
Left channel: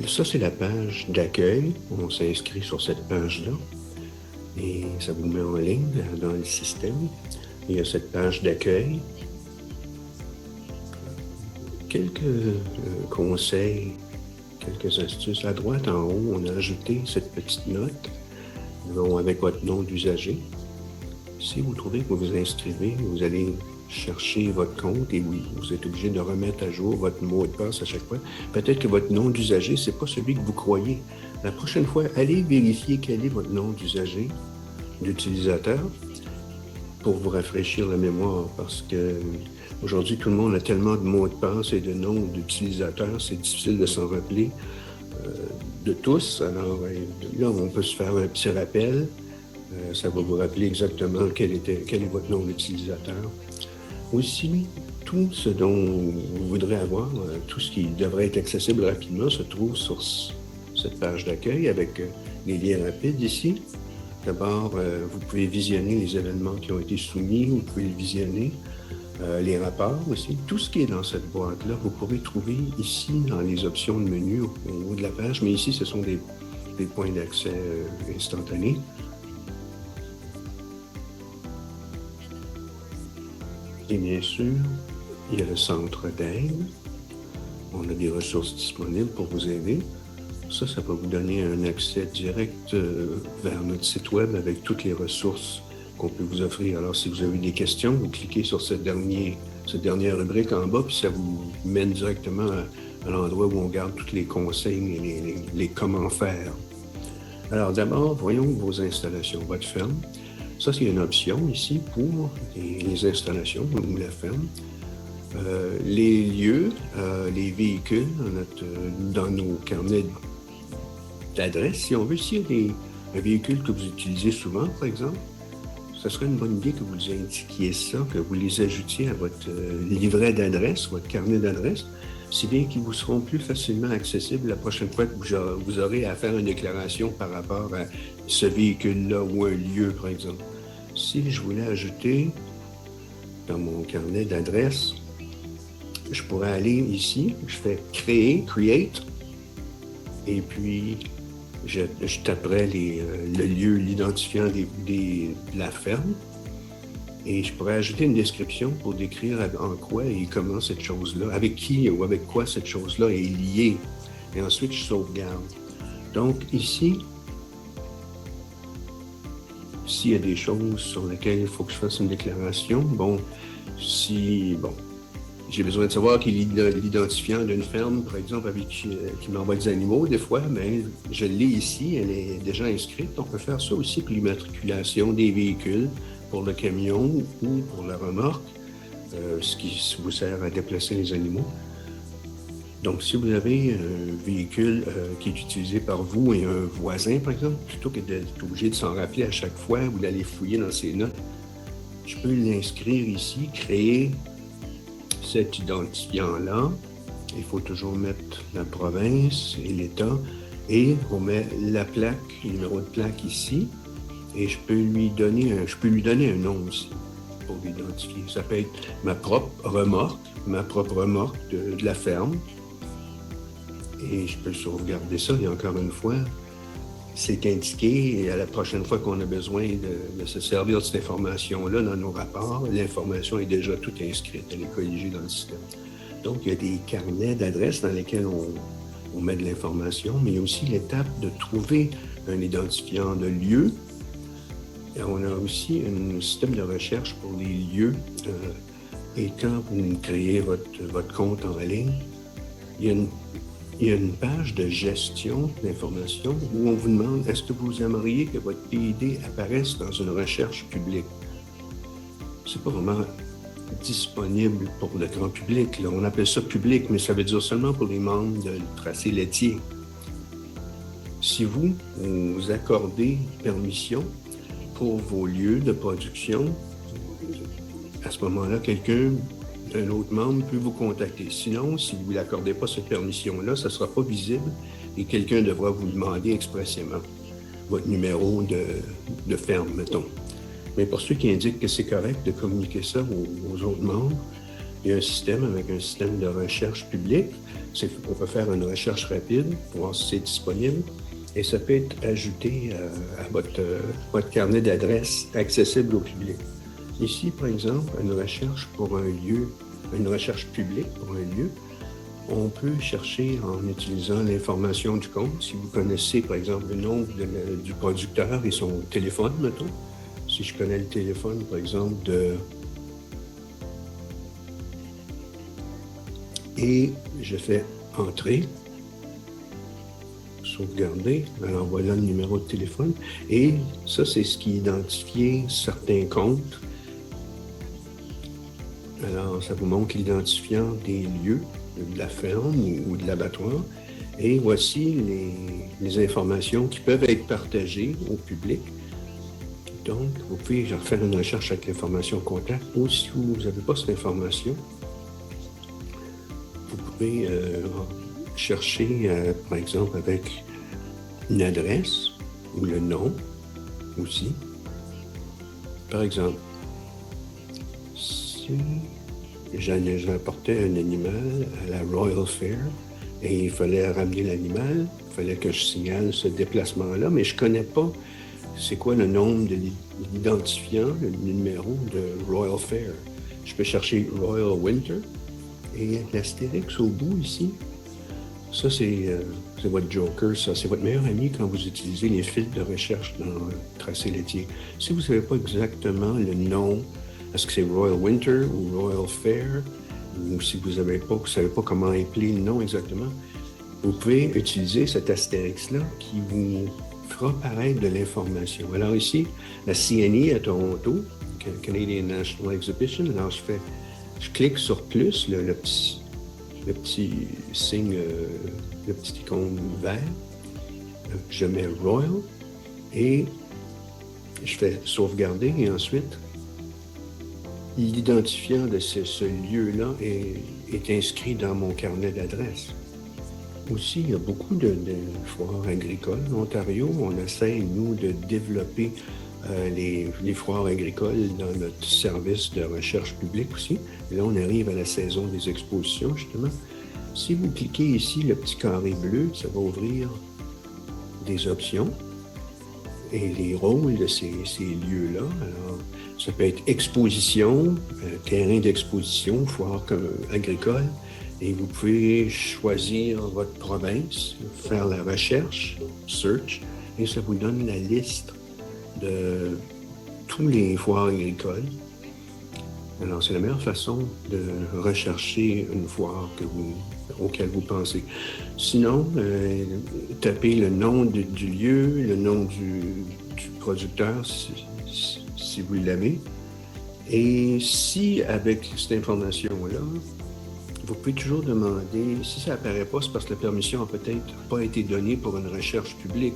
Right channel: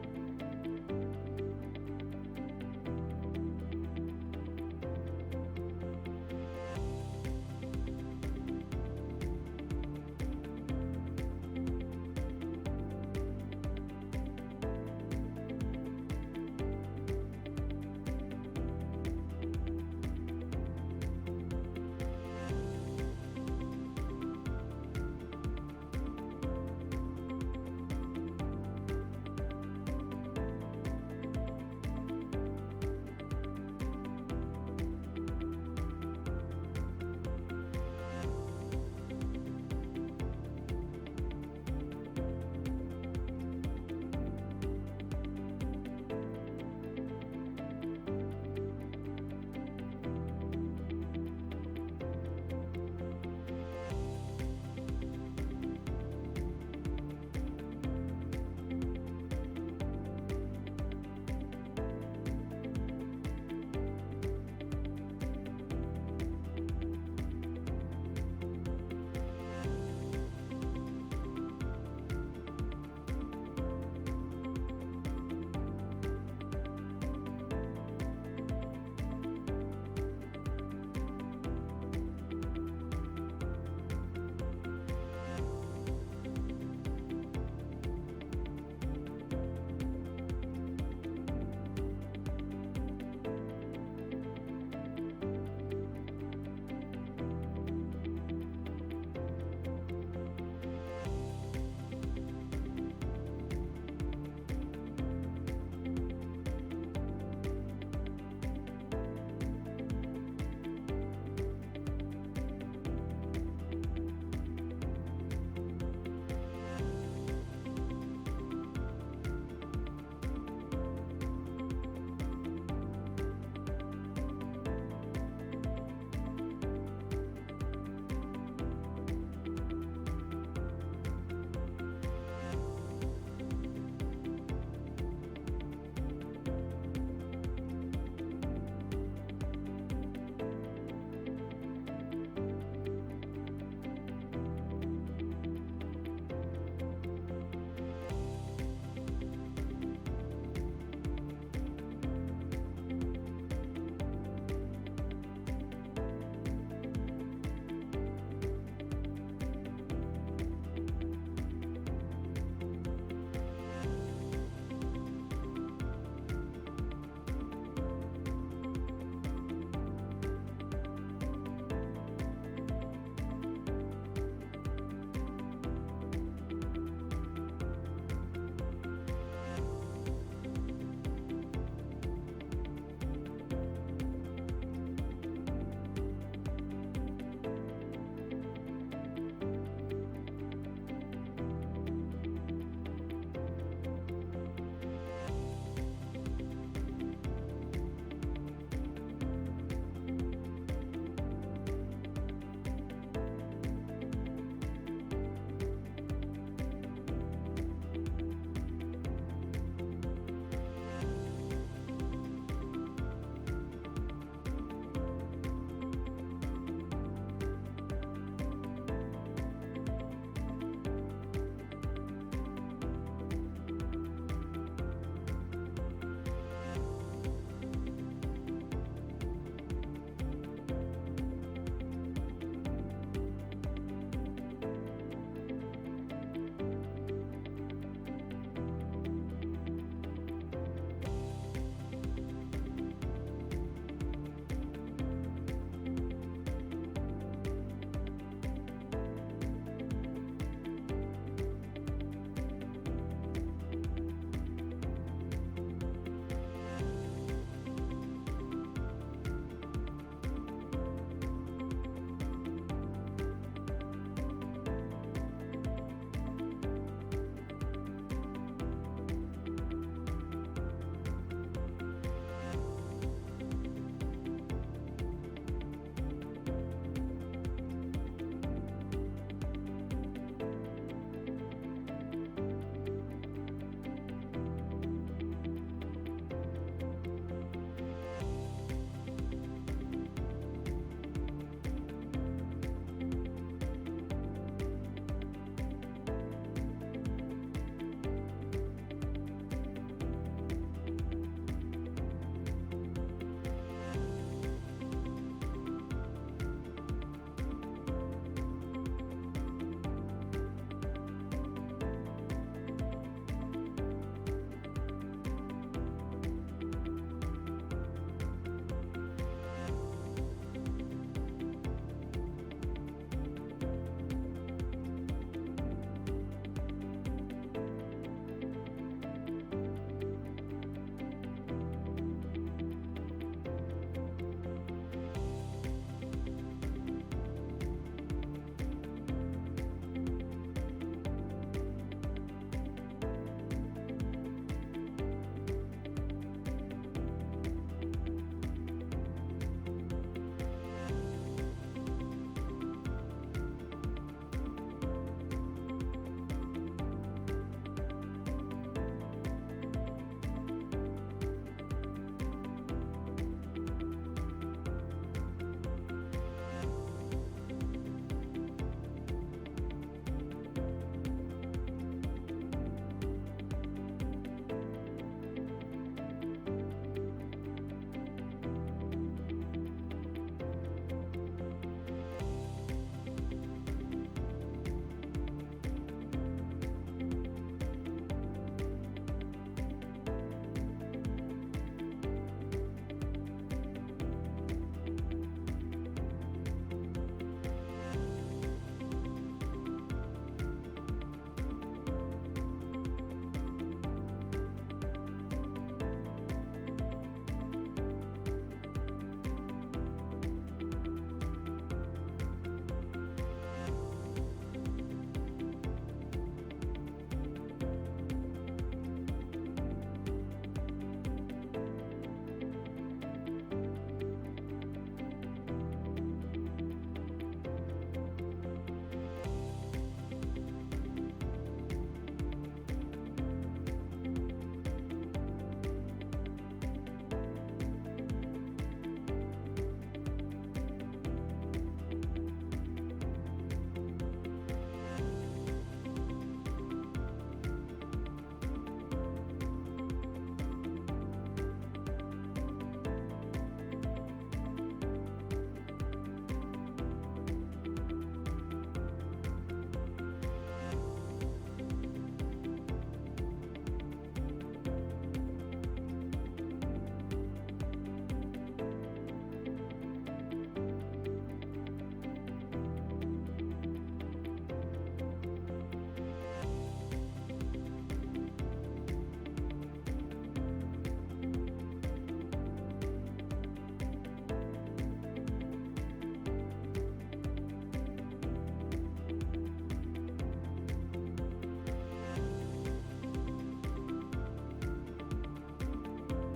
Ça, c'est la page d'accueil. On s'inscrit sur cette page-là. Et ça vous met en ligne dans le système. Il y a cette page d'accueil. Quelques conseils, quelques astuces. À droite, en haut, on a ajouté cette petite note avec votre nom d'usager. Si vous trouvez que vous vous inscrivez, vous allez chercher votre compte et vous êtes obligé de remettre à jour votre mot de passe à chaque fois. Peut-être que votre nom d'usager, ce n'est pas celui que vous croyez. La prochaine fois, allez vérifier quel est votre nom d'usager, d'utilisateur, pour vous rafraîchir la mémoire, parce que aujourd'hui, tout le monde a tellement de mots de passe et de noms d'utilisateurs, c'est difficile de s'en rappeler de tous. Alors là, on peut se faire un petit rappel. Ça va vous rappeler exactement quel est votre nom d'utilisateur. Aussi, tout ce dont vous voudrez avoir, tout ce qui devrait être accessible rapidement se trouve sur cette page d'accueil avec les liens rapides ici. D'abord, vous pouvez visionner les événements qui ont été soumis, vous pouvez les visionner. les rapports aussi. Tout ce qui est dans cette boîte-là, vous pourrez trouver ici dans les options de menu au haut de la page, mais ici, ce sont des points d'accès instantanés. Et bien sûr, il y a le centre d'aide. On a des ressources disponibles pour vous aider. Ça va vous donner un accès direct vers notre site web avec toutes les ressources qu'on peut vous offrir. Alors, si vous avez des questions, vous cliquez sur cette dernière rubrique en bas, puis ça vous mène directement à l'endroit où on garde tous les conseils et les comment faire. Alors, d'abord, voyons vos installations, votre ferme. Ça, c'est une option ici pour les installations ou la ferme. Les lieux, les véhicules dans nos carnets d'adresse. Si on veut, s'il y a un véhicule que vous utilisez souvent, par exemple, ce serait une bonne idée que vous indiquiez ça, que vous les ajoutiez à votre livret d'adresse, votre carnet d'adresse, si bien qu'ils vous seront plus facilement accessibles la prochaine fois que vous aurez à faire une déclaration par rapport à ce véhicule-là ou un lieu, par exemple. Si je voulais ajouter dans mon carnet d'adresse, je pourrais aller ici, je fais créer, create, et puis je taperais le lieu, l'identifiant de la ferme, et je pourrais ajouter une description pour décrire en quoi et comment cette chose-là, avec qui ou avec quoi cette chose-là est liée. Et ensuite, je sauvegarde. Donc ici, s'il y a des choses sur lesquelles il faut que je fasse une déclaration, j'ai besoin de savoir qu'il est l'identifiant d'une ferme, par exemple, qui m'envoie des animaux, des fois, mais je l'ai ici, elle est déjà inscrite. On peut faire ça aussi pour l'immatriculation des véhicules, pour le camion ou pour la remorque, ce qui vous sert à déplacer les animaux. Donc, si vous avez un véhicule qui est utilisé par vous et un voisin, par exemple, plutôt que d'être obligé de s'en rappeler à chaque fois ou d'aller fouiller dans ses notes, je peux l'inscrire ici, créer cet identifiant-là. Il faut toujours mettre la province et l'État et on met la plaque, le numéro de plaque ici et je peux lui donner un nom aussi pour l'identifier. Ça peut être ma propre remorque de la ferme et je peux sauvegarder ça et encore une fois, c'est indiqué et à la prochaine fois qu'on a besoin de se servir de cette information-là dans nos rapports, l'information est déjà toute inscrite, elle est colligée dans le système. Donc, il y a des carnets d'adresses dans lesquels on met de l'information, mais il y a aussi l'étape de trouver un identifiant de lieu. Et on a aussi un système de recherche pour les lieux. Et quand vous créez votre compte en ligne, il y a une page de gestion d'information où on vous demande est-ce que vous aimeriez que votre PID apparaisse dans une recherche publique? C'est pas vraiment disponible pour le grand public. Là. On appelle ça public, mais ça veut dire seulement pour les membres de tracé laitier. Si vous accordez permission pour vos lieux de production, à ce moment-là, un autre membre peut vous contacter. Sinon, si vous n'accordez pas cette permission-là, ça ne sera pas visible et quelqu'un devra vous demander expressément votre numéro de ferme, mettons. Mais pour ceux qui indiquent que c'est correct de communiquer ça aux autres membres, il y a un système avec un système de recherche publique. On peut faire une recherche rapide, voir si c'est disponible, et ça peut être ajouté à votre carnet d'adresses accessible au public. Ici, par exemple, une recherche pour un lieu, une recherche publique pour un lieu, on peut chercher en utilisant l'information du compte. Si vous connaissez, par exemple, le nom du producteur et son téléphone, mettons. Si je connais le téléphone, par exemple, et je fais entrer, sauvegarder, alors voilà le numéro de téléphone. Et ça, c'est ce qui identifie certains comptes. Alors, ça vous montre l'identifiant des lieux, de la ferme ou de l'abattoir. Et voici les informations qui peuvent être partagées au public. Donc, vous pouvez faire une recherche avec l'information contact ou si vous n'avez pas cette information, vous pouvez chercher, par exemple, avec une adresse ou le nom aussi. Par exemple, si j'apportais un animal à la Royal Fair et il fallait ramener l'animal, il fallait que je signale ce déplacement-là, mais je ne connais pas c'est quoi le nombre de l'identifiant, le numéro de Royal Fair. Je peux chercher Royal Winter et l'astérix au bout ici. Ça, c'est votre joker, ça. C'est votre meilleur ami quand vous utilisez les fils de recherche dans Tracé laitier. Si vous ne savez pas exactement le nom, est-ce que c'est Royal Winter ou Royal Fair, ou si vous ne savez pas comment appeler le nom exactement, vous pouvez utiliser cet astérix-là qui vous fera paraître de l'information. Alors ici, la CNI à Toronto, Canadian National Exhibition, alors je clique sur plus, le petit signe, le petit icône vert, je mets Royal et je fais sauvegarder et ensuite l'identifiant de ce lieu-là est inscrit dans mon carnet d'adresses. Aussi, il y a beaucoup de foires agricoles en Ontario. On essaie, nous, de développer les foires agricoles dans notre service de recherche publique aussi. Et là, on arrive à la saison des expositions, justement. Si vous cliquez ici, le petit carré bleu, ça va ouvrir des options et les rôles de ces lieux-là. Alors, ça peut être exposition, terrain d'exposition, foire agricole, et vous pouvez choisir votre province, faire la recherche, search, et ça vous donne la liste de tous les foires agricoles. Alors, c'est la meilleure façon de rechercher une foire auquel vous pensez. Sinon, tapez le nom du lieu, le nom du producteur, si vous l'avez. Et si, avec cette information-là, vous pouvez toujours demander, si ça n'apparaît pas, c'est parce que la permission n'a peut-être pas été donnée pour une recherche publique.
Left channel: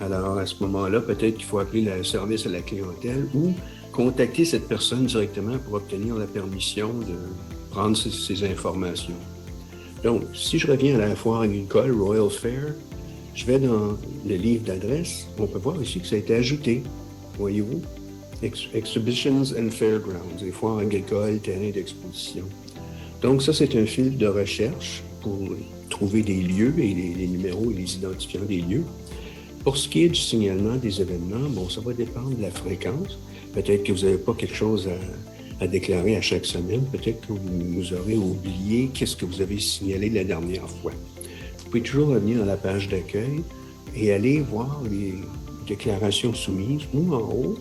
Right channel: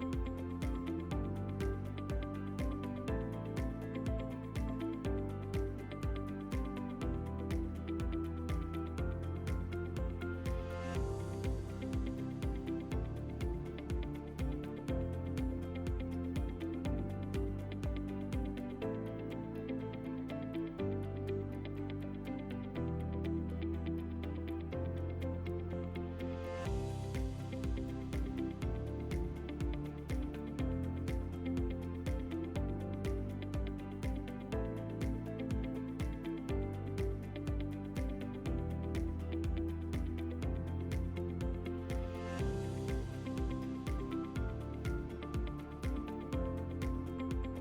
Alors, à ce moment-là, peut-être qu'il faut appeler le service à la clientèle ou contacter cette personne directement pour obtenir la permission de prendre ces informations. Donc, si je reviens à la foire agricole Royal Fair, je vais dans le livre d'adresse. On peut voir ici que ça a été ajouté. Voyez-vous? Exhibitions and Fairgrounds, les foires agricoles, terrains d'exposition. Donc, ça, c'est un fil de recherche pour trouver des lieux et les numéros et les identifiants des lieux. Pour ce qui est du signalement des événements, bon, ça va dépendre de la fréquence. Peut-être que vous n'avez pas quelque chose à déclarer à chaque semaine. Peut-être que vous aurez oublié qu'est-ce que vous avez signalé la dernière fois. Vous pouvez toujours revenir à la page d'accueil et aller voir les déclarations soumises ou en haut,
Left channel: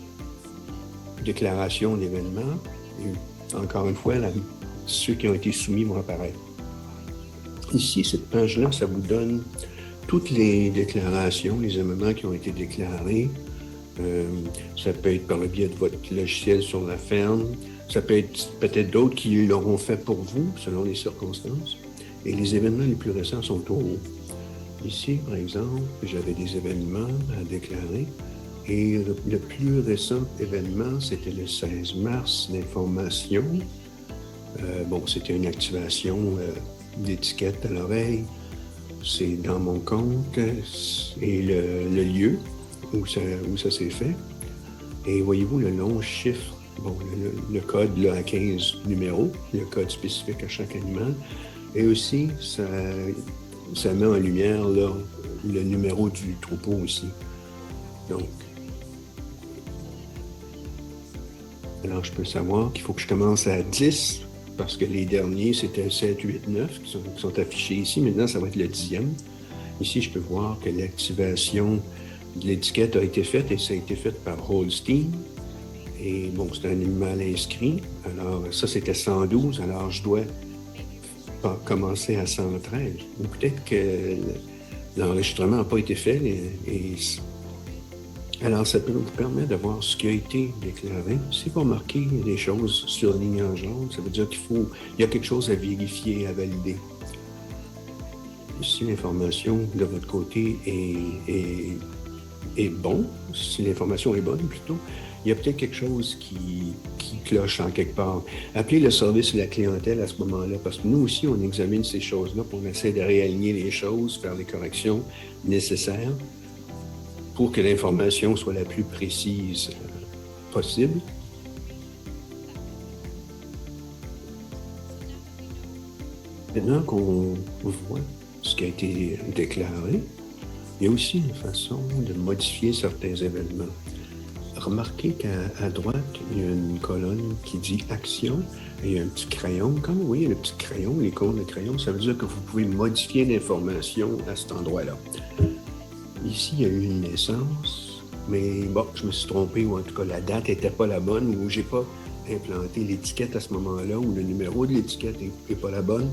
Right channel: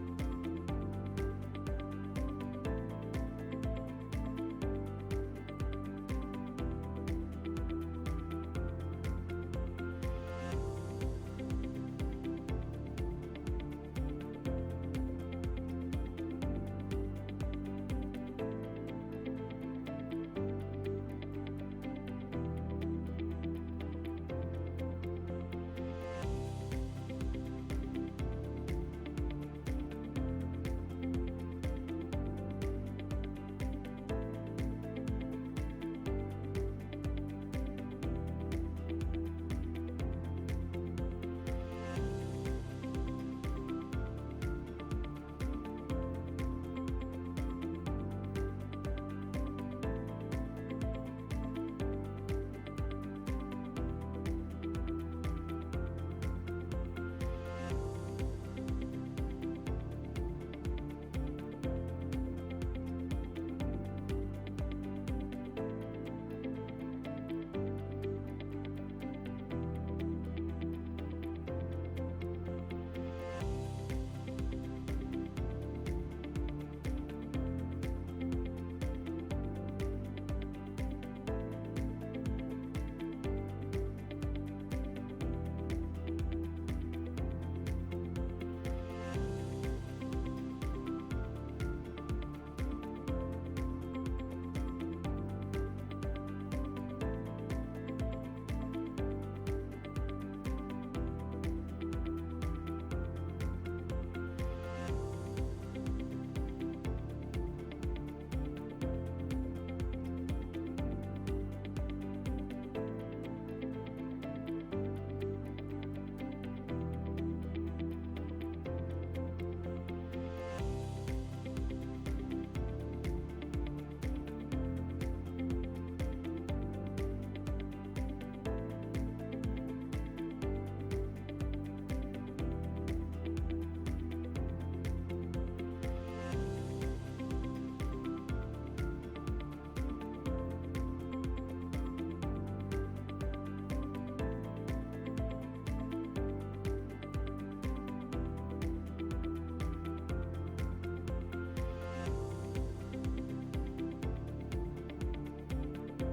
déclaration d'événements. Encore une fois, ceux qui ont été soumis vont apparaître. Ici, cette page-là, ça vous donne toutes les déclarations, les événements qui ont été déclarés. Ça peut être par le biais de votre logiciel sur la ferme. Ça peut être peut-être d'autres qui l'auront fait pour vous, selon les circonstances. Et les événements les plus récents sont au haut. Ici, par exemple, j'avais des événements à déclarer. Et le plus récent événement, c'était le 16 mars, l'information. C'était une activation d'étiquette à l'oreille. C'est dans mon compte et le lieu où ça s'est fait. Et voyez-vous le long chiffre, le code là, à 15 numéros, le code spécifique à chaque animal. Et aussi, ça met en lumière là, le numéro du troupeau aussi. Donc, alors je peux savoir qu'il faut que je commence à 10, parce que les derniers, c'était 7, 8, 9 qui sont affichés ici. Maintenant, ça va être le 10e. Ici, je peux voir que l'activation de l'étiquette a été faite et ça a été fait par Holstein. Et bon, c'est un animal inscrit. Alors, ça, c'était 112. Alors, je dois commencer à 113. Ou peut-être que l'enregistrement n'a pas été fait. Alors, ça peut nous permettre de voir ce qui a été déclaré. Si vous remarquez des choses surlignées en jaune, ça veut dire qu'il y a quelque chose à vérifier, à valider. Si l'information de votre côté est bonne, si l'information est bonne plutôt, il y a peut-être quelque chose qui cloche en quelque part. Appelez le service de la clientèle à ce moment-là, parce que nous aussi, on examine ces choses-là, pour essayer de réaligner les choses, faire les corrections nécessaires pour que l'information soit la plus précise possible. Maintenant qu'on voit ce qui a été déclaré, il y a aussi une façon de modifier certains événements. Remarquez qu'à droite, il y a une colonne qui dit « Action » et il y a un petit crayon. Quand vous voyez le petit crayon, l'icône de crayon, ça veut dire que vous pouvez modifier l'information à cet endroit-là. Ici, il y a eu une naissance, mais bon, je me suis trompé, ou en tout cas, la date n'était pas la bonne, ou j'ai pas implanté l'étiquette à ce moment-là, ou le numéro de l'étiquette n'est pas la bonne.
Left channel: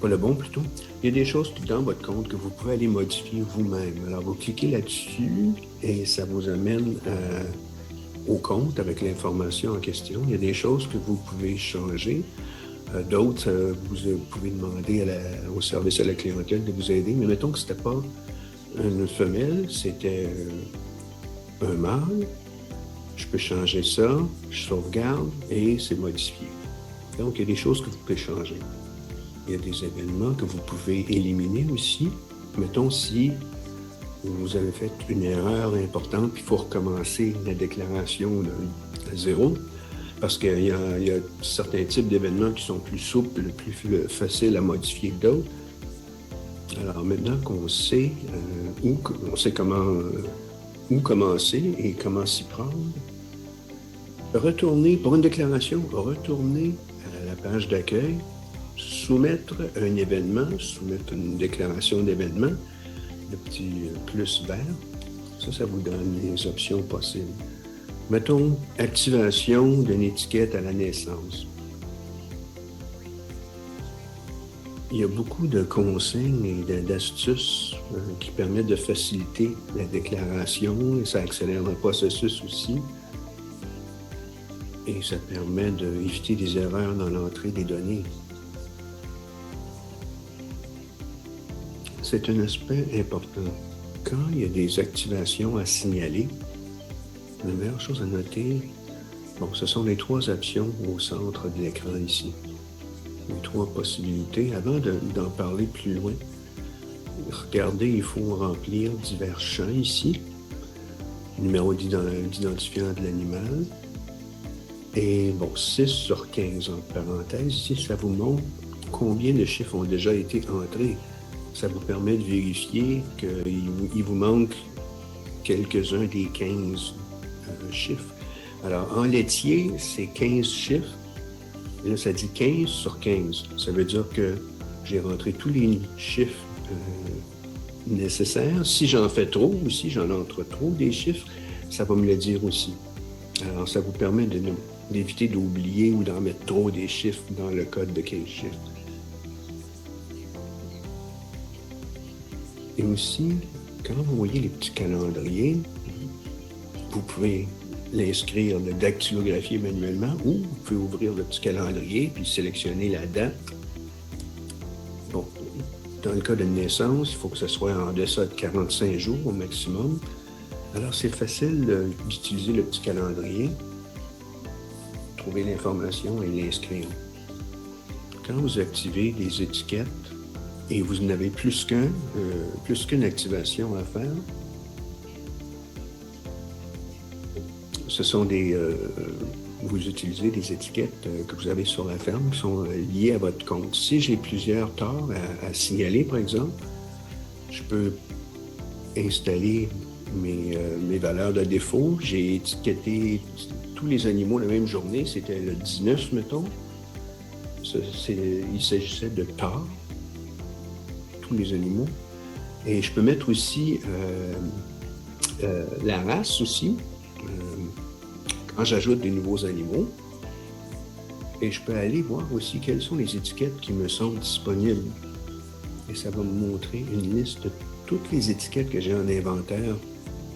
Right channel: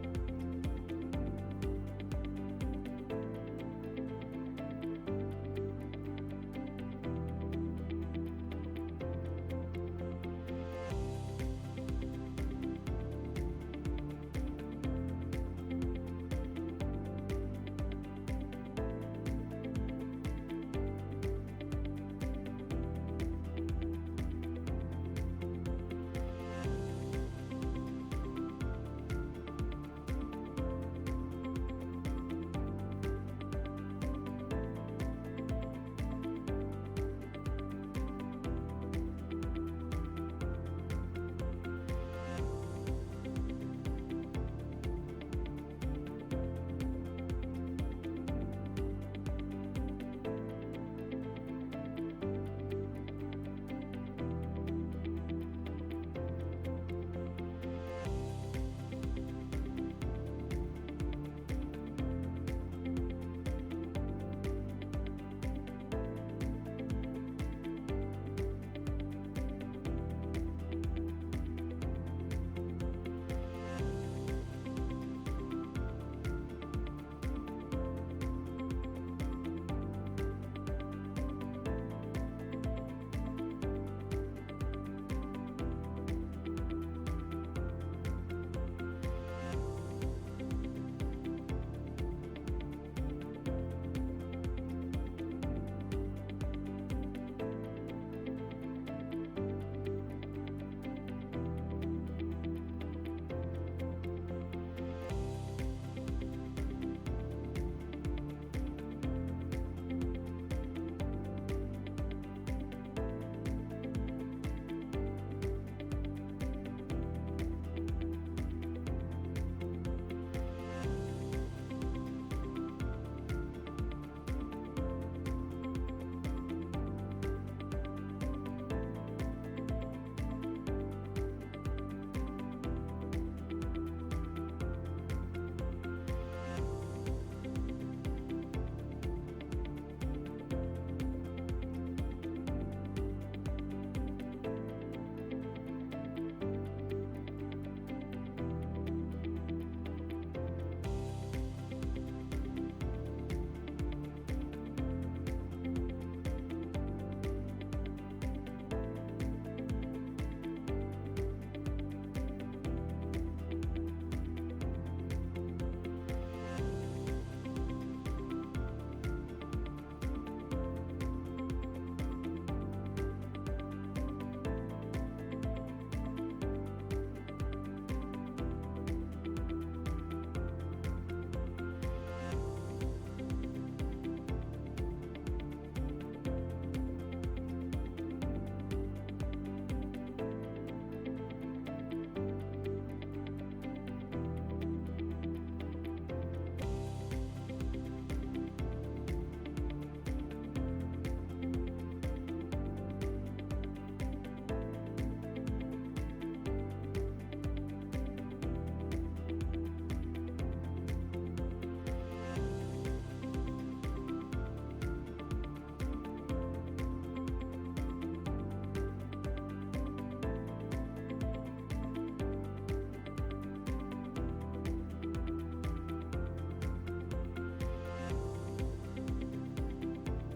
Pas le bon plutôt. Il y a des choses dans votre compte que vous pouvez aller modifier vous-même. Alors, vous cliquez là-dessus et ça vous amène au compte avec l'information en question. Il y a des choses que vous pouvez changer. D'autres, vous pouvez demander au service à la clientèle de vous aider. Mais mettons que ce n'était pas une femelle, c'était un mâle. Je peux changer ça, je sauvegarde et c'est modifié. Donc, il y a des choses que vous pouvez changer. Il y a des événements que vous pouvez éliminer aussi. Mettons si vous avez fait une erreur importante, puis il faut recommencer la déclaration à zéro, parce qu'il y a certains types d'événements qui sont plus souples, plus faciles à modifier que d'autres. Alors maintenant qu'on sait où commencer et comment s'y prendre, pour une déclaration, retournez à la page d'accueil, soumettre un événement, soumettre une déclaration d'événement, le petit plus vert, ça vous donne les options possibles. Mettons, activation d'une étiquette à la naissance. Il y a beaucoup de consignes et d'astuces qui permettent de faciliter la déclaration, et ça accélère le processus aussi. Et ça permet d'éviter des erreurs dans l'entrée des données. C'est un aspect important. Quand il y a des activations à signaler, la meilleure chose à noter, ce sont les 3 options au centre de l'écran ici. Les 3 possibilités. Avant d'en parler plus loin, regardez, il faut remplir divers champs ici. Numéro d'identifiant de l'animal. Et 6 sur 15 entre parenthèses. Ici, ça vous montre combien de chiffres ont déjà été entrés. Ça vous permet de vérifier qu'il vous manque quelques-uns des 15 chiffres. Alors, en laitier, c'est 15 chiffres. Et là, ça dit 15 sur 15. Ça veut dire que j'ai rentré tous les chiffres nécessaires. Si j'en fais trop ou si j'en entre trop des chiffres, ça va me le dire aussi. Alors, ça vous permet d'éviter d'oublier ou d'en mettre trop des chiffres dans le code de 15 chiffres. Et aussi, quand vous voyez les petits calendriers, vous pouvez l'inscrire, le dactylographier manuellement, ou vous pouvez ouvrir le petit calendrier puis sélectionner la date. Bon, dans le cas de naissance, il faut que ce soit en deçà de 45 jours au maximum. Alors, c'est facile d'utiliser le petit calendrier, trouver l'information et l'inscrire. Quand vous activez les étiquettes, et vous en avez plus qu'une activation à faire, ce sont vous utilisez des étiquettes que vous avez sur la ferme qui sont liées à votre compte. Si j'ai plusieurs torts à signaler, par exemple, je peux installer mes valeurs de défaut. J'ai étiqueté tous les animaux la même journée, c'était le 19, mettons. Il s'agissait de torts, tous les animaux. Et je peux mettre aussi la race aussi, quand j'ajoute des nouveaux animaux. Et je peux aller voir aussi quelles sont les étiquettes qui me sont disponibles. Et ça va me montrer une liste de toutes les étiquettes que j'ai en inventaire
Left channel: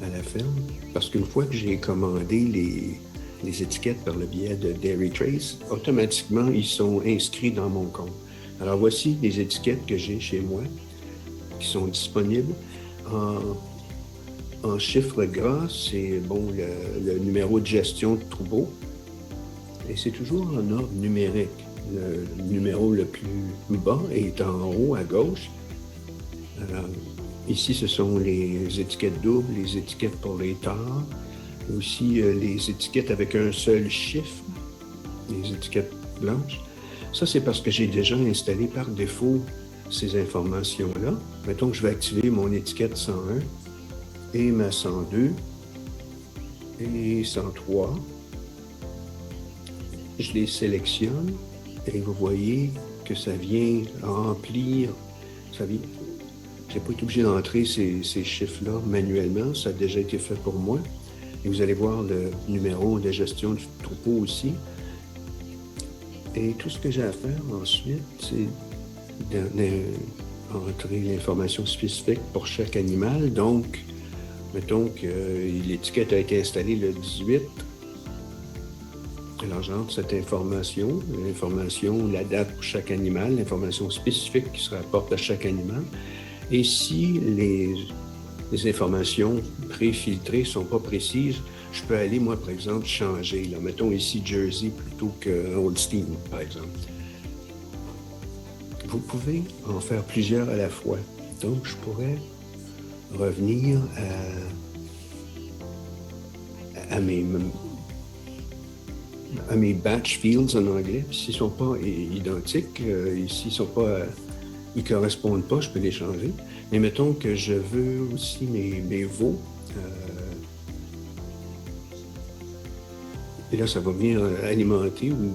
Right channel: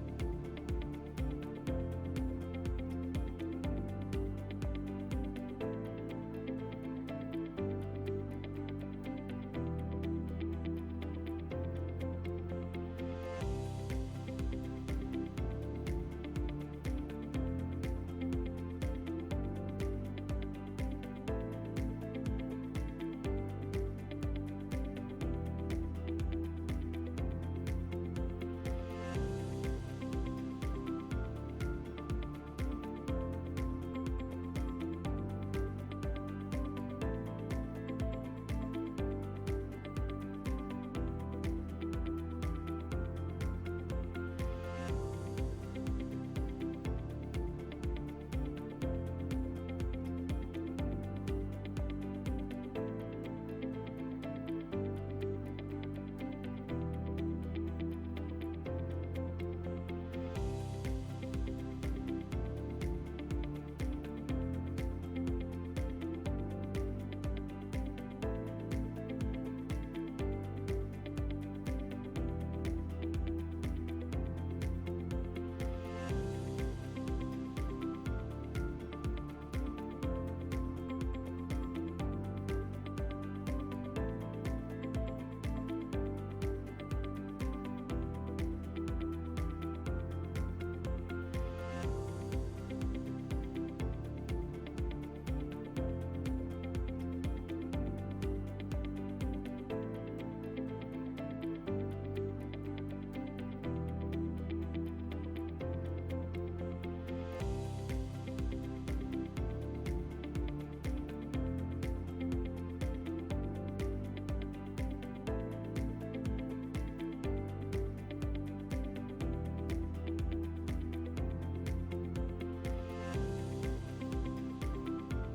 à la ferme. Parce qu'une fois que j'ai commandé les étiquettes par le biais de Dairy Trace, automatiquement, ils sont inscrits dans mon compte. Alors voici les étiquettes que j'ai chez moi qui sont disponibles. En chiffre gras, c'est le numéro de gestion de troupeau. Et c'est toujours en ordre numérique. Le numéro le plus bas est en haut à gauche. Alors, ici, ce sont les étiquettes doubles, les étiquettes pour les tares, aussi les étiquettes avec un seul chiffre, les étiquettes blanches. Ça, c'est parce que j'ai déjà installé par défaut ces informations-là. Mettons que je vais activer mon étiquette 101 et ma 102 et 103. Je les sélectionne et vous voyez que ça vient remplir. Je n'ai pas été obligé d'entrer ces chiffres-là manuellement. Ça a déjà été fait pour moi. Et vous allez voir le numéro de gestion du troupeau aussi. Et tout ce que j'ai à faire ensuite, c'est d'entrer l'information spécifique pour chaque animal. Donc, mettons que l'étiquette a été installée le 18. Alors, j'entre cette information, l'information, la date pour chaque animal, l'information spécifique qui se rapporte à chaque animal. Et si les informations pré-filtrées ne sont pas précises, je peux aller, moi, par exemple, changer. Là. Mettons ici Jersey plutôt que Holstein, par exemple. Vous pouvez en faire plusieurs à la fois. Donc, je pourrais revenir à mes batch fields en anglais. S'ils ne sont pas identiques, s'ils ne correspondent pas, je peux les changer. Mais mettons que je veux aussi mes veaux. Et là, ça va venir alimenter ou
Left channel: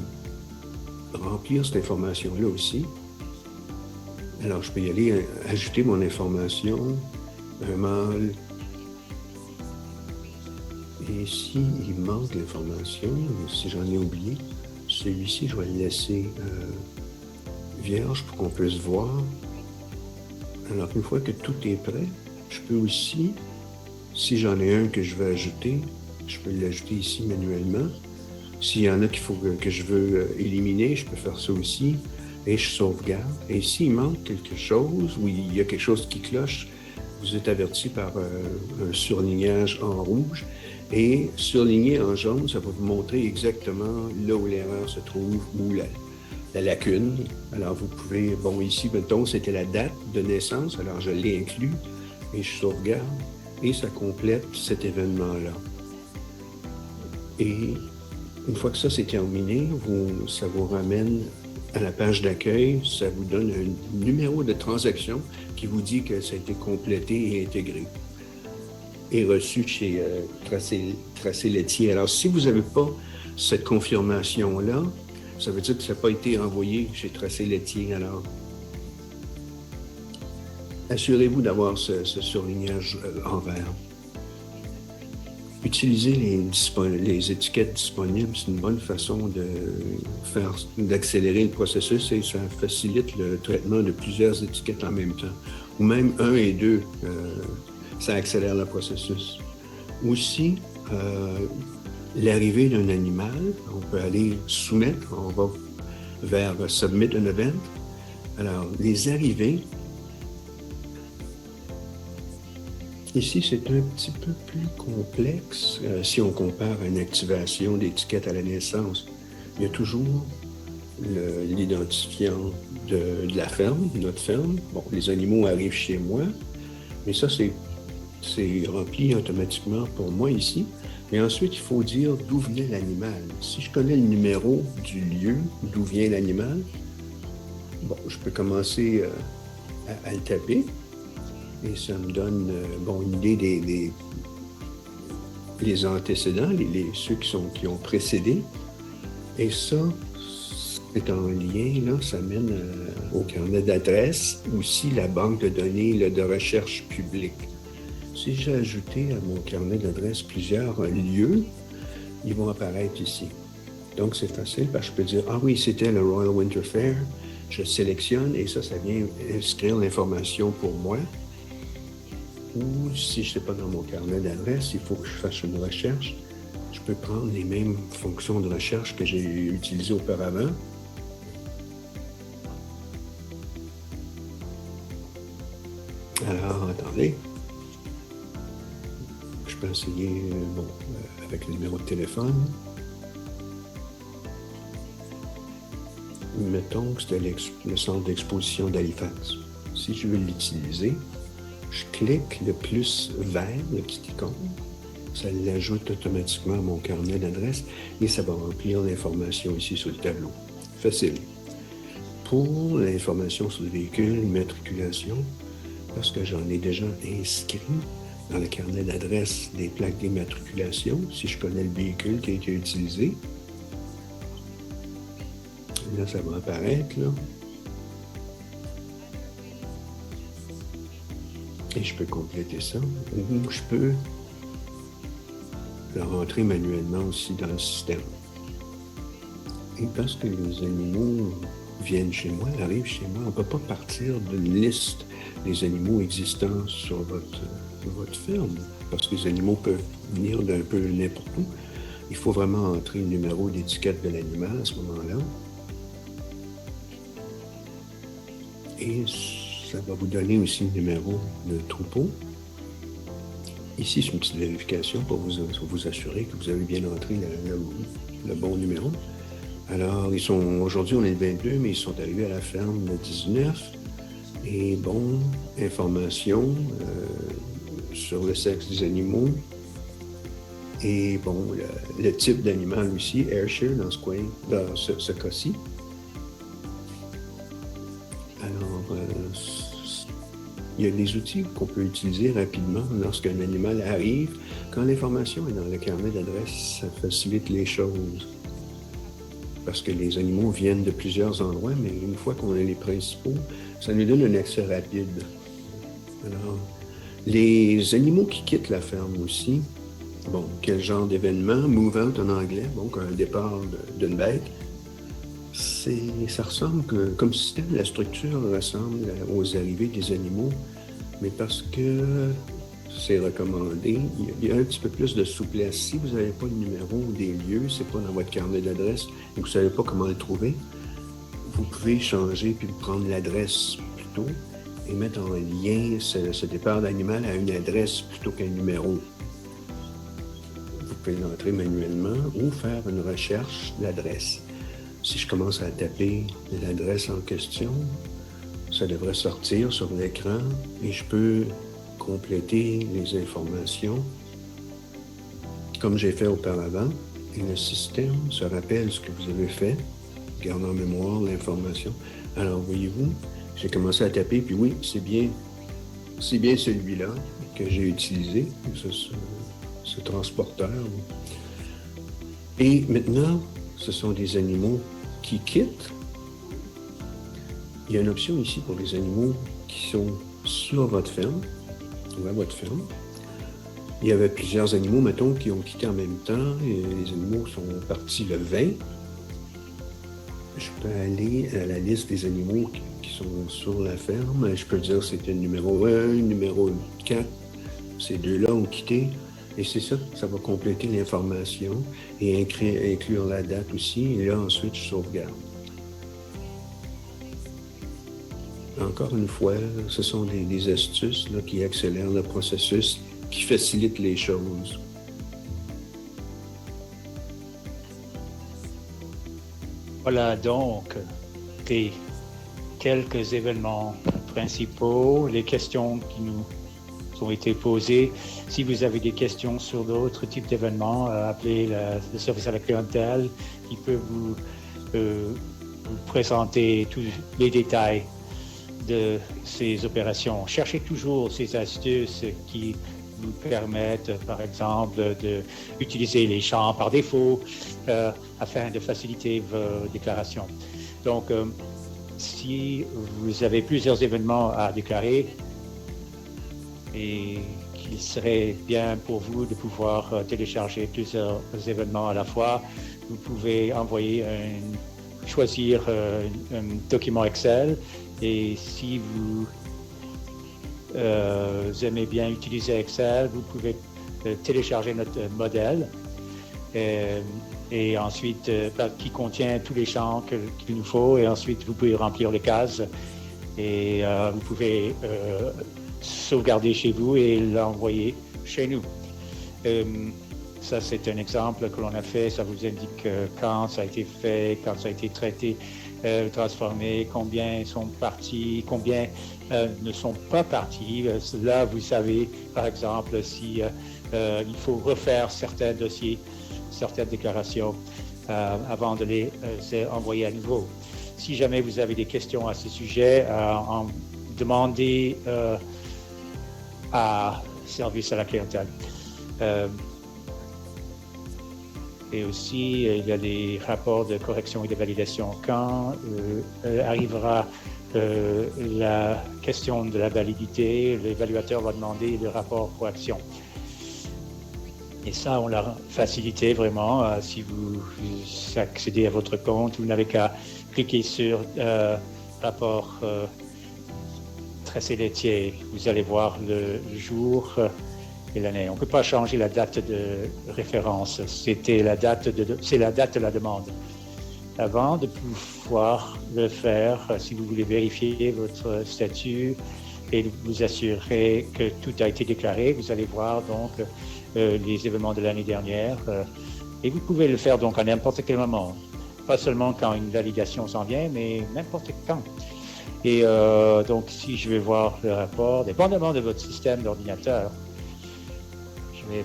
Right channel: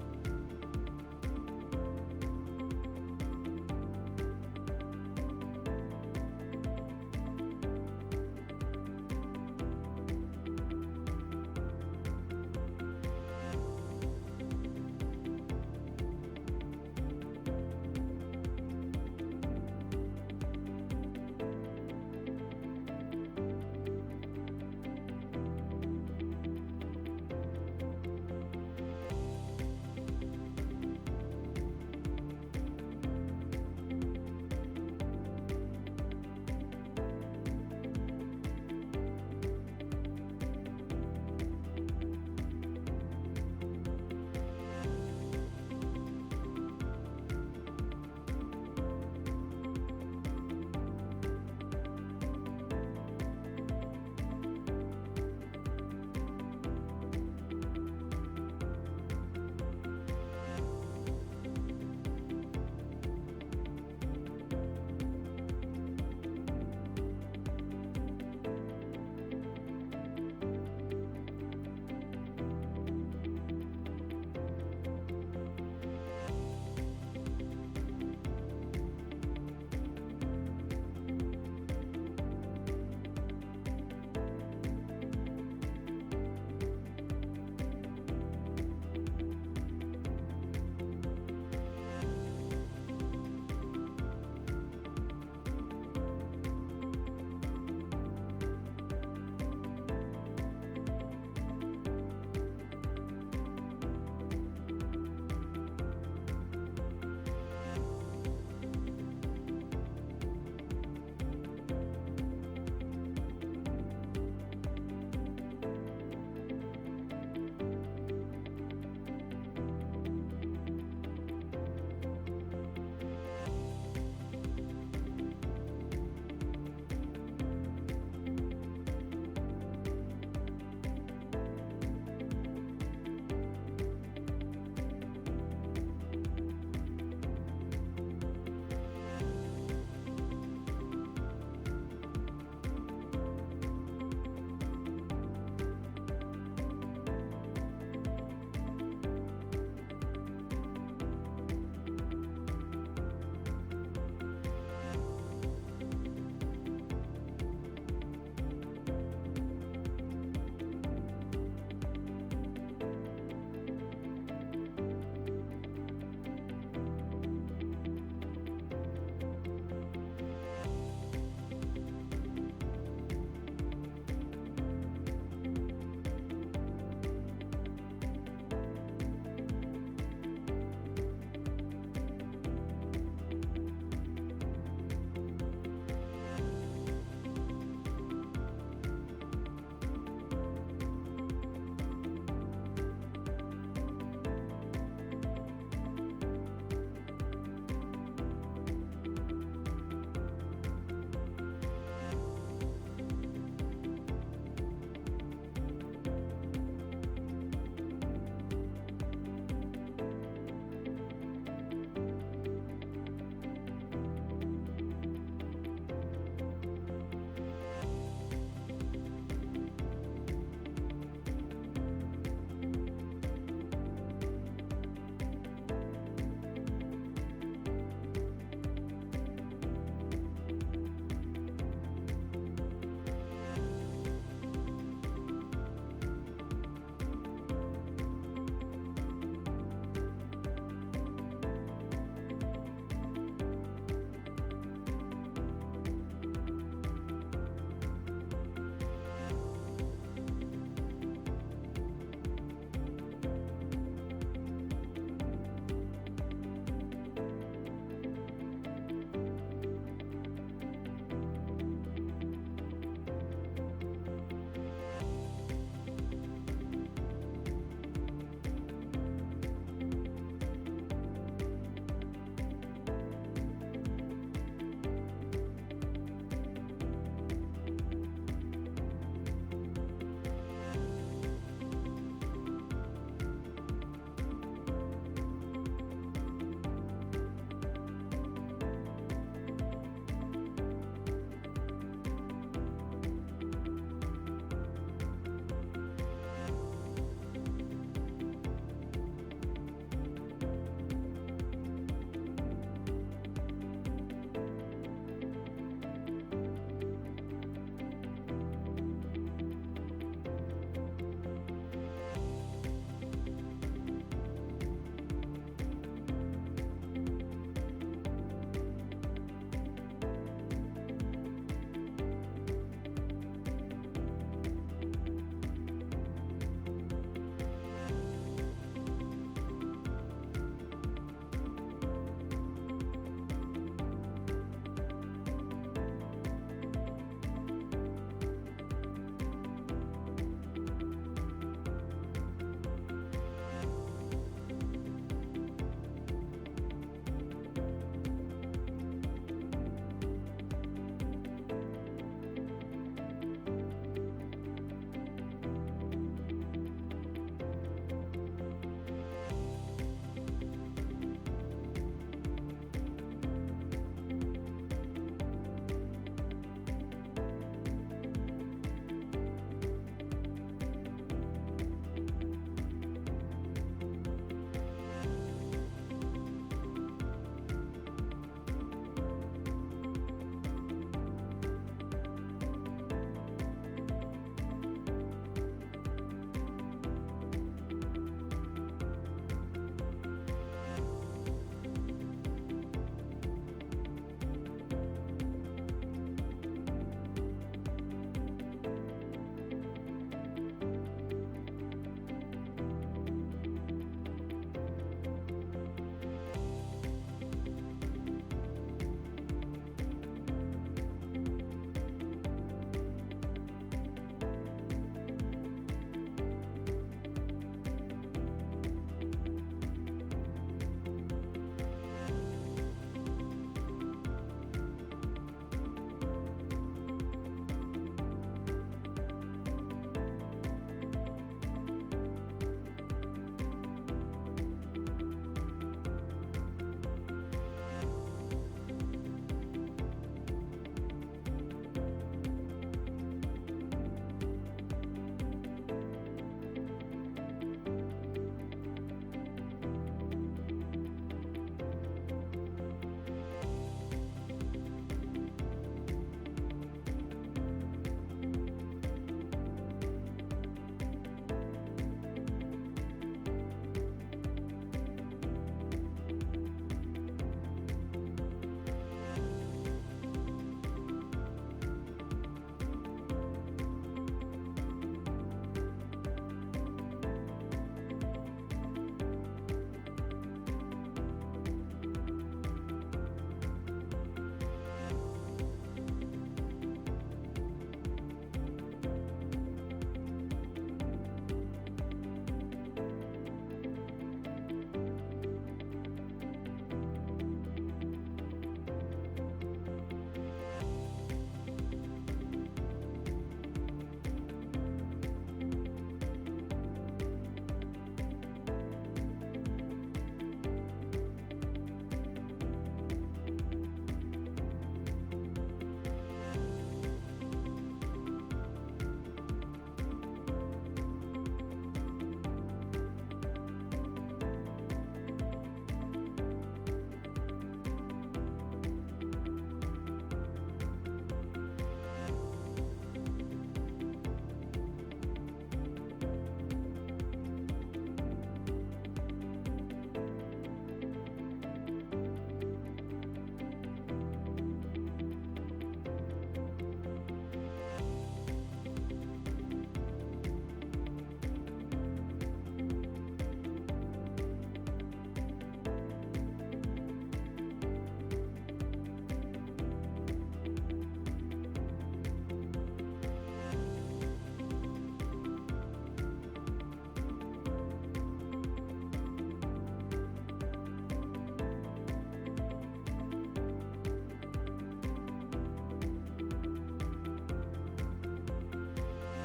remplir cette information-là aussi. Alors, je peux y aller ajouter mon information, un mâle. Et ici, il manque l'information, si j'en ai oublié, celui-ci, je vais le laisser vierge pour qu'on puisse voir. Alors, une fois que tout est prêt, je peux aussi, si j'en ai un que je veux ajouter, je peux l'ajouter ici manuellement. S'il y en a qu'il faut que je veux éliminer, je peux faire ça aussi. Et je sauvegarde. Et s'il manque quelque chose, ou il y a quelque chose qui cloche, vous êtes averti par un surlignage en rouge. Et surligné en jaune, ça va vous montrer exactement là où l'erreur se trouve, ou la lacune. Alors vous pouvez, bon ici, mettons, c'était la date de naissance, alors je l'ai inclus, et je sauvegarde, et ça complète cet événement-là. Et une fois que ça c'est terminé, ça vous ramène à la page d'accueil, ça vous donne un numéro de transaction qui vous dit que ça a été complété et intégré et reçu chez Tracé Laitier. Alors, si vous n'avez pas cette confirmation-là, ça veut dire que ça n'a pas été envoyé chez Tracé Laitier. Alors, assurez-vous d'avoir ce surlignage en vert. Utiliser les étiquettes disponibles, c'est une bonne façon d'accélérer le processus et ça facilite le traitement de plusieurs étiquettes en même temps. Ou même 1 et 2, ça accélère le processus. Aussi, l'arrivée d'un animal, on peut aller soumettre, on va vers Submit an Event. Alors, les arrivées, ici, c'est un petit peu plus complexe si on compare à une activation d'étiquette à la naissance. Il y a toujours l'identifiant de la ferme, notre ferme. Bon, les animaux arrivent chez moi, mais ça, c'est rempli automatiquement pour moi ici. Mais ensuite, il faut dire d'où venait l'animal. Si je connais le numéro du lieu d'où vient l'animal, bon, je peux commencer à le taper. Et ça me donne une idée des antécédents, ceux qui ont précédé. Et ça, c'est en lien, là, ça mène au carnet d'adresse, aussi la banque de données de recherche publique. Si j'ai ajouté à mon carnet d'adresse plusieurs lieux, ils vont apparaître ici. Donc, c'est facile parce que je peux dire, ah oui, c'était le Royal Winter Fair. Je sélectionne et ça vient inscrire l'information pour moi. Ou si je ne sais pas dans mon carnet d'adresse, il faut que je fasse une recherche. Je peux prendre les mêmes fonctions de recherche que j'ai utilisées auparavant. Alors, attendez. Je peux essayer avec le numéro de téléphone. Mettons que c'était le centre d'exposition d'Halifax. Si je veux l'utiliser, je clique le plus vert, le petit icône. Ça l'ajoute automatiquement à mon carnet d'adresse et ça va remplir l'information ici sur le tableau. Facile. Pour l'information sur le véhicule, matriculation, parce que j'en ai déjà inscrit dans le carnet d'adresse des plaques d'immatriculation, si je connais le véhicule qui a été utilisé. Là, ça va apparaître, là. Et je peux compléter ça. Ou je peux le rentrer manuellement aussi dans le système. Et parce que les animaux viennent chez moi, arrivent chez moi, on ne peut pas partir d'une liste des animaux existants sur votre ferme, parce que les animaux peuvent venir d'un peu n'importe où. Il faut vraiment entrer le numéro d'étiquette de l'animal à ce moment-là. Et ça va vous donner aussi le numéro de troupeau. Ici, c'est une petite vérification pour vous assurer que vous avez bien entré le bon numéro. Alors, aujourd'hui, on est le 22, mais ils sont arrivés à la ferme le 19. Et bon, information sur le sexe des animaux. Et bon, le type d'animal aussi, Ayrshire dans ce cas-ci. Alors, il y a des outils qu'on peut utiliser rapidement lorsqu'un animal arrive. Quand l'information est dans le carnet d'adresse, ça facilite les choses. Parce que les animaux viennent de plusieurs endroits, mais une fois qu'on a les principaux, ça nous donne un accès rapide. Alors, les animaux qui quittent la ferme aussi, bon, quel genre d'événement? Move out en anglais, donc un départ d'une bête. Ça ressemble comme système, la structure ressemble aux arrivées des animaux, mais parce que c'est recommandé, il y a un petit peu plus de souplesse. Si vous n'avez pas le numéro des lieux, c'est pas dans votre carnet d'adresse et vous ne savez pas comment le trouver, vous pouvez changer puis prendre l'adresse plutôt et mettre en lien ce départ d'animal à une adresse plutôt qu'un numéro. Vous pouvez l'entrer manuellement ou faire une recherche d'adresse. Si je commence à taper l'adresse en question, ça devrait sortir sur l'écran et je peux compléter les informations comme j'ai fait auparavant et le système se rappelle ce que vous avez fait, garde en mémoire l'information. Alors voyez-vous, j'ai commencé à taper puis oui, c'est bien celui-là que j'ai utilisé, ce transporteur. Et maintenant, ce sont des animaux qui quittent. Il y a une option ici pour les animaux qui sont sur votre ferme. À votre ferme. Il y avait plusieurs animaux, mettons, qui ont quitté en même temps. Et les animaux sont partis le 20. Je peux aller à la liste des animaux qui sont sur la ferme. Je peux dire c'était le numéro 1, le numéro 4. Ces deux-là ont quitté. Et c'est ça, ça va compléter l'information et inclure la date aussi. Et là, ensuite, je sauvegarde. Encore une fois, ce sont des astuces là, qui accélèrent le processus, qui facilitent les choses. Voilà donc les quelques événements principaux, les questions qui nous ont été posées. Si vous avez des questions sur d'autres types d'événements, appelez le service à la clientèle. Il peut vous présenter tous les détails de ces opérations. Cherchez toujours ces astuces qui vous permettent, par exemple, d'utiliser les champs par défaut afin de faciliter vos déclarations. Donc, si vous avez plusieurs événements à déclarer et qu'il serait bien pour vous de pouvoir télécharger plusieurs événements à la fois, vous pouvez choisir un document Excel. Et si vous aimez bien utiliser Excel, vous pouvez télécharger notre modèle et ensuite qui contient tous les champs qu'il nous faut et ensuite vous pouvez remplir les cases et vous pouvez sauvegarder chez vous et l'envoyer chez nous. Ça, c'est un exemple que l'on a fait. Ça vous indique quand ça a été fait, quand ça a été traité, transformé, combien sont partis, combien ne sont pas partis. Là, vous savez, par exemple, si il faut refaire certains dossiers, certaines déclarations avant de les envoyer à nouveau. Si jamais vous avez des questions à ce sujet, demandez à service à la clientèle. Et aussi, il y a des rapports de correction et de validation. Quand arrivera la question de la validité, l'évaluateur va demander le rapport pour action. Et ça, on l'a facilité vraiment. Si vous accédez à votre compte, vous n'avez qu'à cliquer sur rapport tracé laitier. Vous allez voir le jour et l'année. On ne peut pas changer la date de référence. C'est la date de la demande. Avant de pouvoir le faire, si vous voulez vérifier votre statut et vous assurer que tout a été déclaré, vous allez voir donc les événements de l'année dernière. Et vous pouvez le faire donc à n'importe quel moment. Pas seulement quand une validation s'en vient, mais n'importe quand. Et donc, si je vais voir le rapport, dépendamment de votre système d'ordinateur, je vais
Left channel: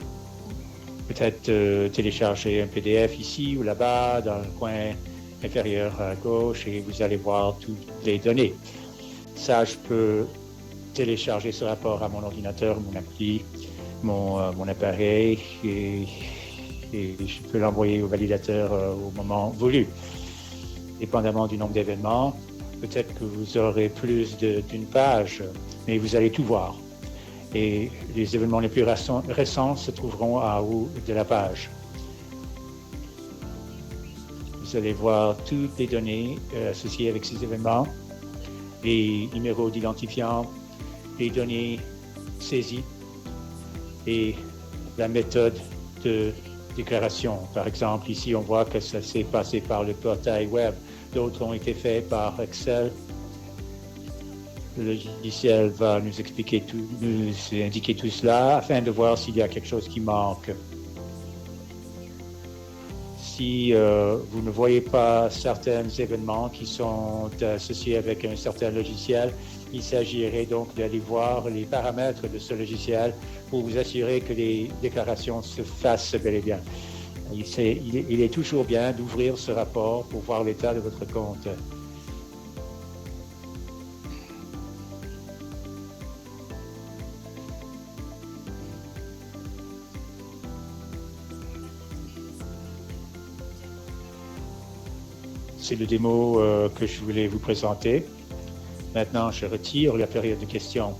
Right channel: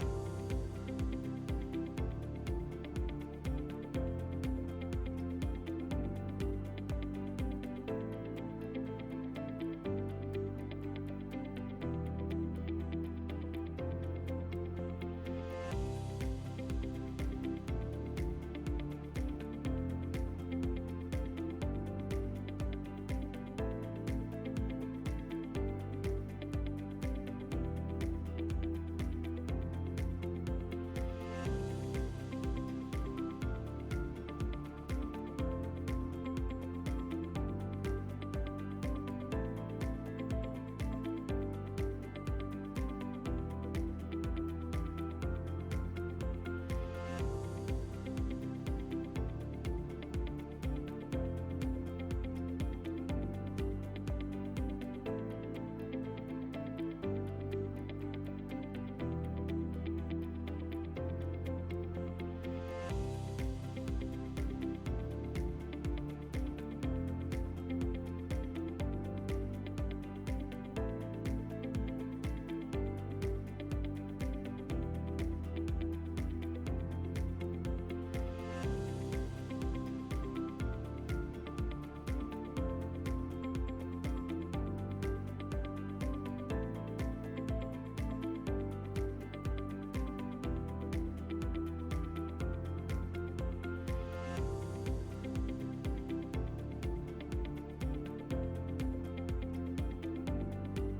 peut-être télécharger un PDF ici ou là-bas, dans le coin inférieur à gauche, et vous allez voir toutes les données. Ça, je peux télécharger ce rapport à mon ordinateur, mon appli, mon appareil, et je peux l'envoyer au validateur au moment voulu. Dépendamment du nombre d'événements, peut-être que vous aurez plus d'une page, mais vous allez tout voir. Et les événements les plus récents se trouveront en haut de la page. Vous allez voir toutes les données associées avec ces événements, les numéros d'identifiant, les données saisies et la méthode de déclaration. Par exemple, ici, on voit que ça s'est passé par le portail web. D'autres ont été faits par Excel. Le logiciel va nous expliquer tout, nous indiquer tout cela afin de voir s'il y a quelque chose qui manque. Si vous ne voyez pas certains événements qui sont associés avec un certain logiciel, il s'agirait donc d'aller voir les paramètres de ce logiciel pour vous assurer que les déclarations se fassent bel et bien. Il est toujours bien d'ouvrir ce rapport pour voir l'état de votre compte. C'est le démo que je voulais vous présenter. Maintenant, je retire la période de questions.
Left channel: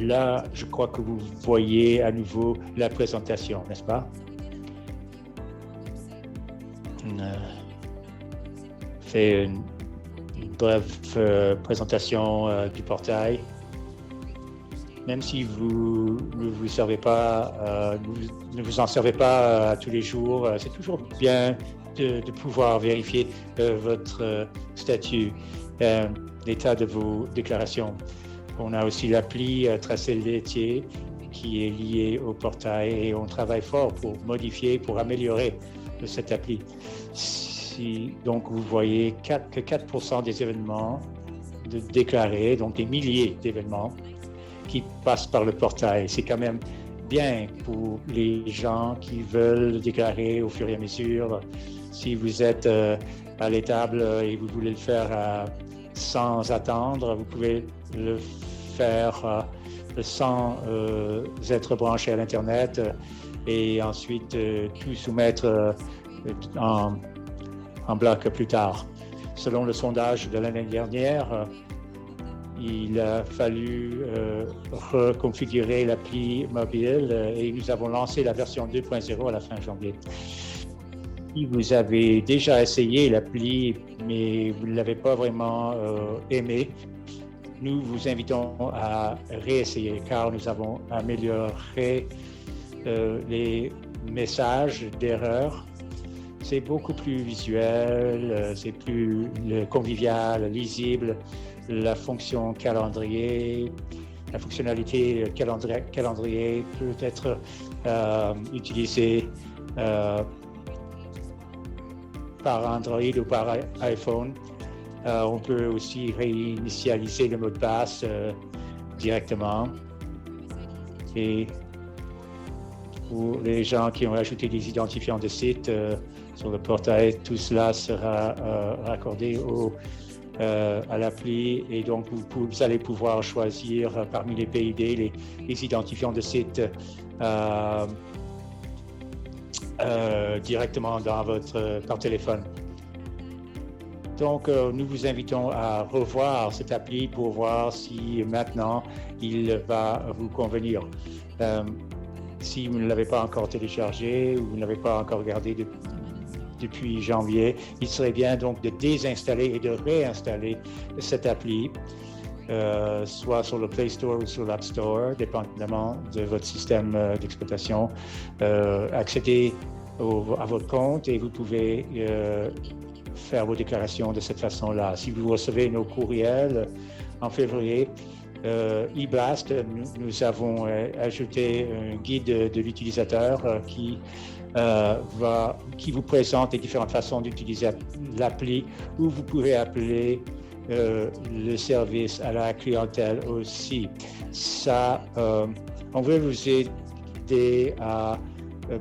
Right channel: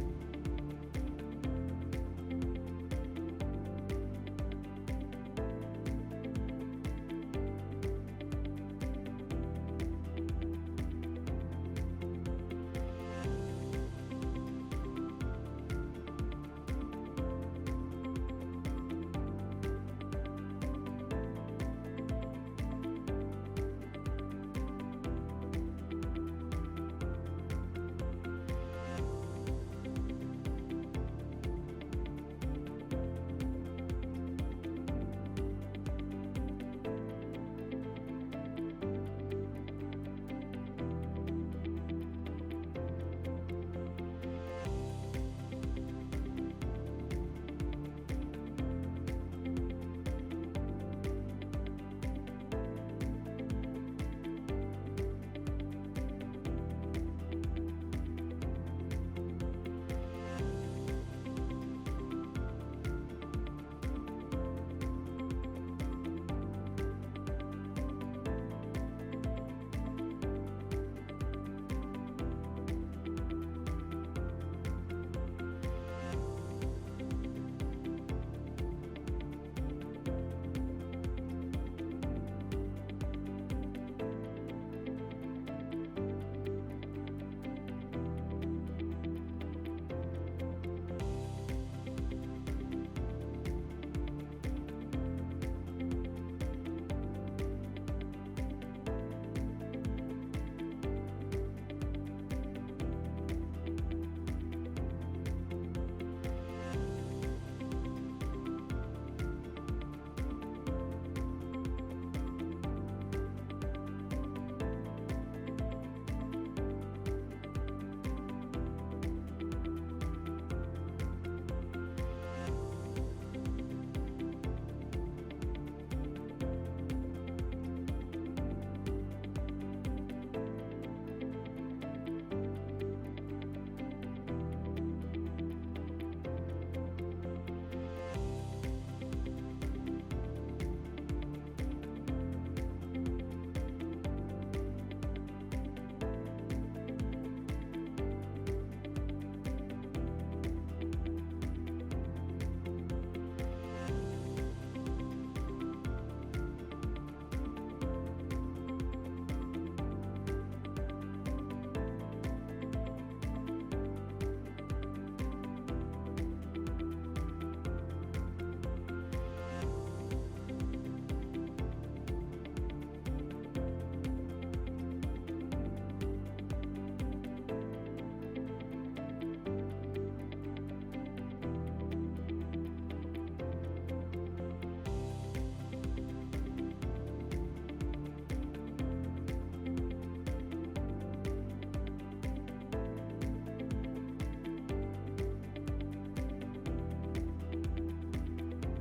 Là, je crois que vous voyez à nouveau la présentation, n'est-ce pas? Fait une brève présentation du portail. Même si vous ne vous servez pas, ne vous en servez pas tous les jours, c'est toujours bien de pouvoir vérifier votre statut, l'état de vos déclarations. On a aussi l'appli Tracé laitier qui est lié au portail et on travaille fort pour modifier, pour améliorer cette appli. Donc, vous voyez que 4% des événements déclarés, donc des milliers d'événements qui passent par le portail. C'est quand même bien pour les gens qui veulent déclarer au fur et à mesure. Si vous êtes à l'étable et vous voulez le faire sans attendre, vous pouvez le faire sans être branché à l'Internet et ensuite tout soumettre en bloc plus tard. Selon le sondage de l'année dernière, il a fallu reconfigurer l'appli mobile et nous avons lancé la version 2.0 à la fin janvier. Si vous avez déjà essayé l'appli, mais vous ne l'avez pas vraiment aimé, nous vous invitons à réessayer car nous avons amélioré les messages d'erreur. C'est beaucoup plus visuel, c'est plus convivial, lisible. La fonction calendrier, la fonctionnalité calendrier peut être utilisée par Android ou par iPhone. On peut aussi réinitialiser le mot de passe directement. Et pour les gens qui ont ajouté des identifiants de site sur le portail, tout cela sera raccordé à l'appli et donc vous allez pouvoir choisir parmi les PID les identifiants de site directement par téléphone. Donc, nous vous invitons à revoir cette appli pour voir si maintenant il va vous convenir. Si vous ne l'avez pas encore téléchargé ou vous ne l'avez pas encore regardé depuis janvier, il serait bien donc de désinstaller et de réinstaller cette appli, soit sur le Play Store ou sur l'App Store, dépendamment de votre système d'exploitation. Accédez à votre compte et vous pouvez faire vos déclarations de cette façon-là. Si vous recevez nos courriels en février, eBlast, nous avons ajouté un guide de l'utilisateur qui vous présente les différentes façons d'utiliser l'appli, où vous pouvez appeler le service à la clientèle aussi. Ça, on veut vous aider à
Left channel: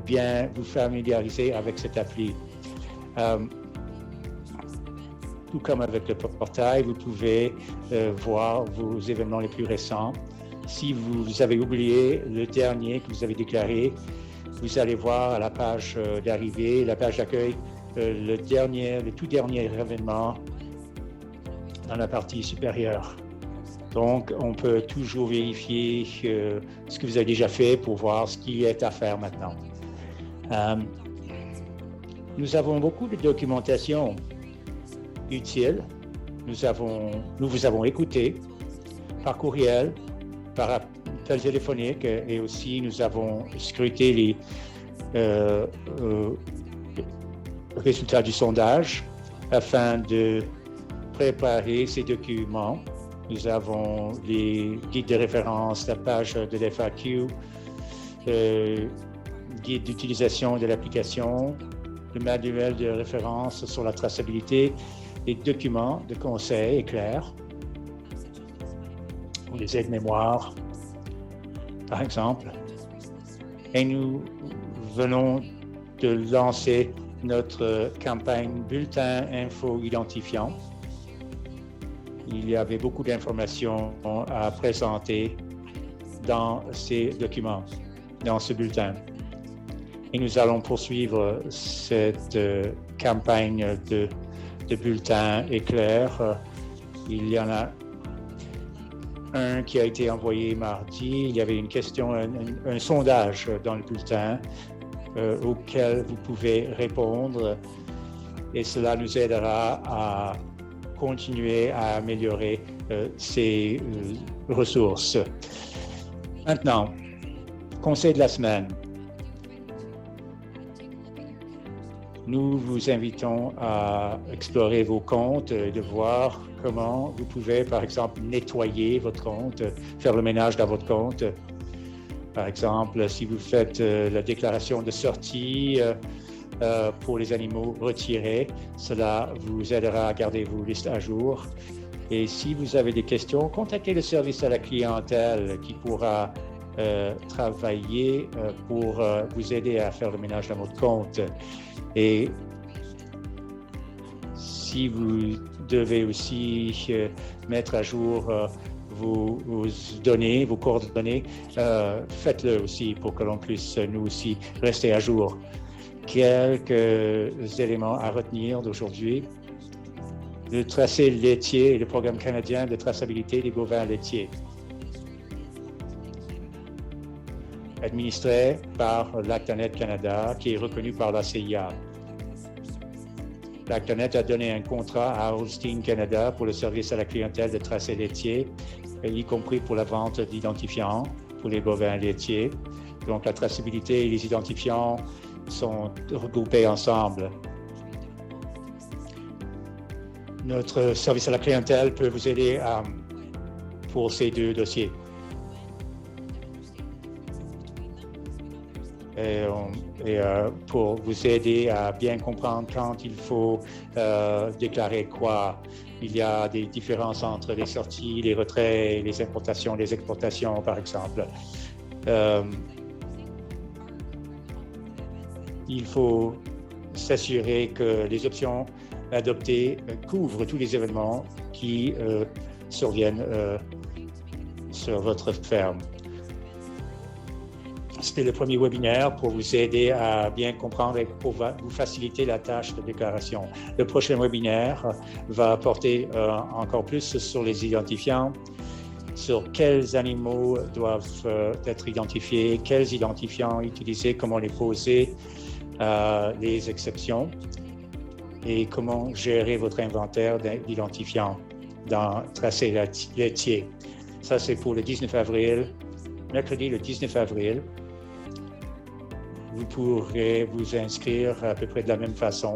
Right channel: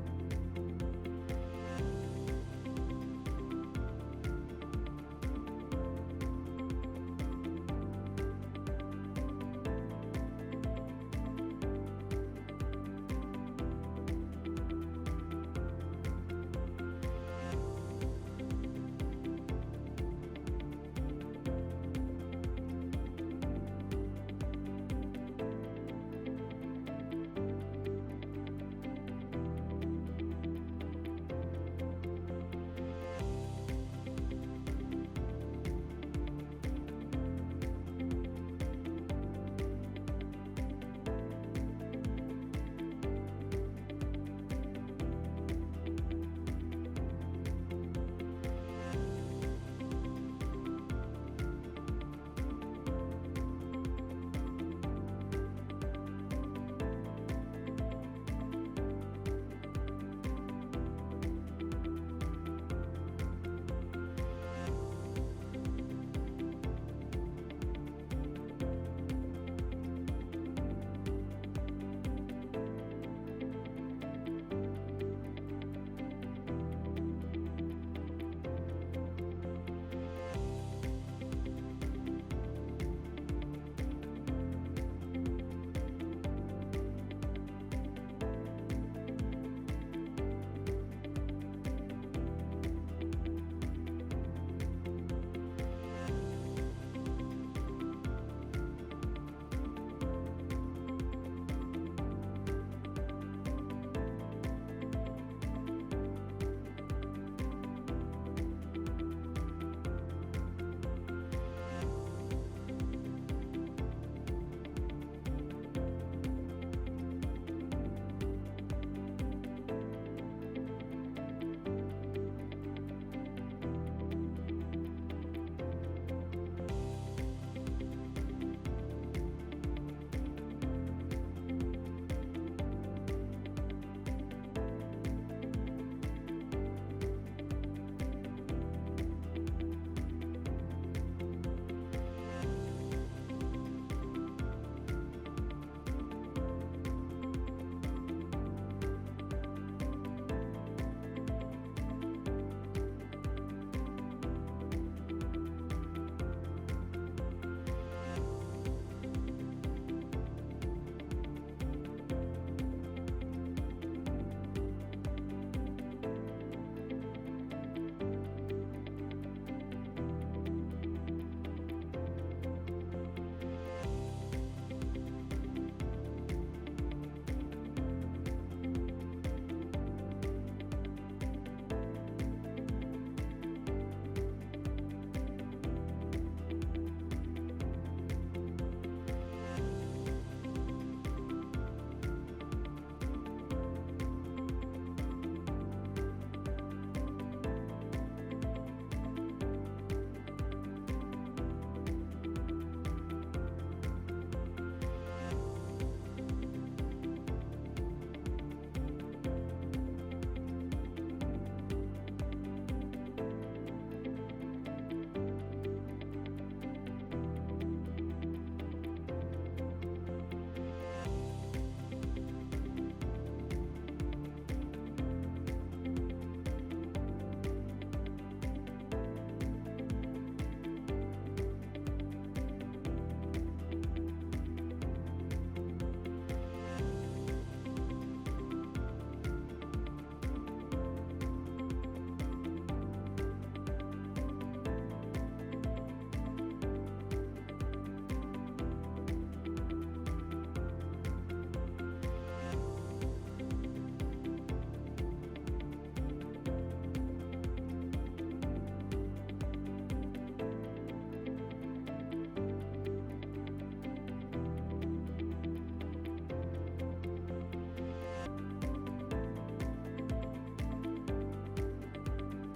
bien vous familiariser avec cette appli. Tout comme avec le portail, vous pouvez voir vos événements les plus récents. Si vous avez oublié le dernier que vous avez déclaré, vous allez voir à la page d'arrivée, la page d'accueil, le tout dernier événement dans la partie supérieure. Donc, on peut toujours vérifier ce que vous avez déjà fait pour voir ce qui est à faire maintenant. Nous avons beaucoup de documentation utile. Nous vous avons écouté par courriel, par appel téléphonique et aussi nous avons scruté les résultats du sondage afin de préparer ces documents. Nous avons les guides de référence, la page de l'FAQ, guide d'utilisation de l'application, le manuel de référence sur la traçabilité, les documents de conseils clairs, ou les aides-mémoires, par exemple. Et nous venons de lancer notre campagne Bulletin Info Identifiant. Il y avait beaucoup d'informations à présenter dans ces documents, dans ce bulletin. Et nous allons poursuivre cette campagne de bulletins éclairs. Il y en a un qui a été envoyé mardi. Il y avait une question, un sondage dans le bulletin auquel vous pouvez répondre et cela nous aidera à continuer à améliorer ces ressources. Maintenant, conseil de la semaine. Nous vous invitons à explorer vos comptes et de voir comment vous pouvez, par exemple, nettoyer votre compte, faire le ménage dans votre compte. Par exemple, si vous faites la déclaration de sortie pour les animaux retirés, cela vous aidera à garder vos listes à jour. Et si vous avez des questions, contactez le service à la clientèle qui pourra travailler pour vous aider à faire le ménage dans votre compte. Et si vous devez aussi mettre à jour vos données, vos coordonnées, faites-le aussi pour que l'on puisse nous aussi rester à jour. Quelques éléments à retenir d'aujourd'hui. Le tracé laitier et le programme canadien de traçabilité des bovins laitiers. Administré par l'Actanet Canada, qui est reconnu par la CIA. L'Actanet a donné un contrat à Holstein Canada pour le service à la clientèle de tracé laitier, y compris pour la vente d'identifiants pour les bovins laitiers. Donc la traçabilité et les identifiants sont regroupés ensemble. Notre service à la clientèle peut vous aider pour ces deux dossiers. et pour vous aider à bien comprendre quand il faut déclarer quoi. Il y a des différences entre les sorties, les retraits, les importations, les exportations, par exemple. Il faut s'assurer que les options adoptées couvrent tous les événements qui surviennent sur votre ferme. C'était le premier webinaire pour vous aider à bien comprendre et pour vous faciliter la tâche de déclaration. Le prochain webinaire va porter encore plus sur les identifiants, sur quels animaux doivent être identifiés, quels identifiants utiliser, comment les poser, les exceptions et comment gérer votre inventaire d'identifiants dans tracé laitier. Ça, c'est pour le 19 avril, mercredi le 19 avril. Vous pourrez vous inscrire à peu près de la même façon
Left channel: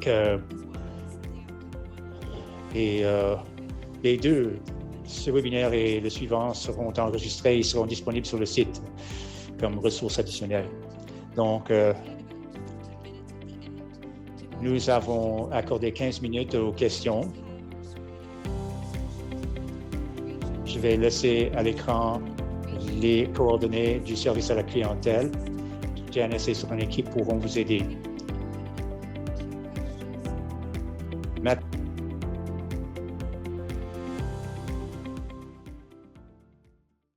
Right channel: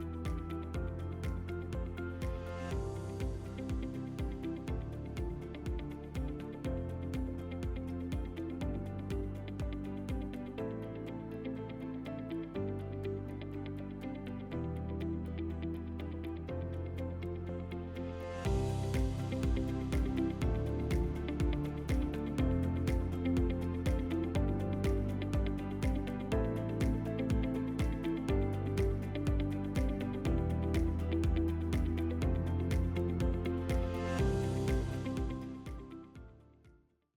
que les deux, ce webinaire et le suivant, seront enregistrés et seront disponibles sur le site comme ressources additionnelles. Donc, nous avons accordé 15 minutes aux questions. Je vais laisser à l'écran les coordonnées du service à la clientèle. Janice et son équipe pourront vous aider.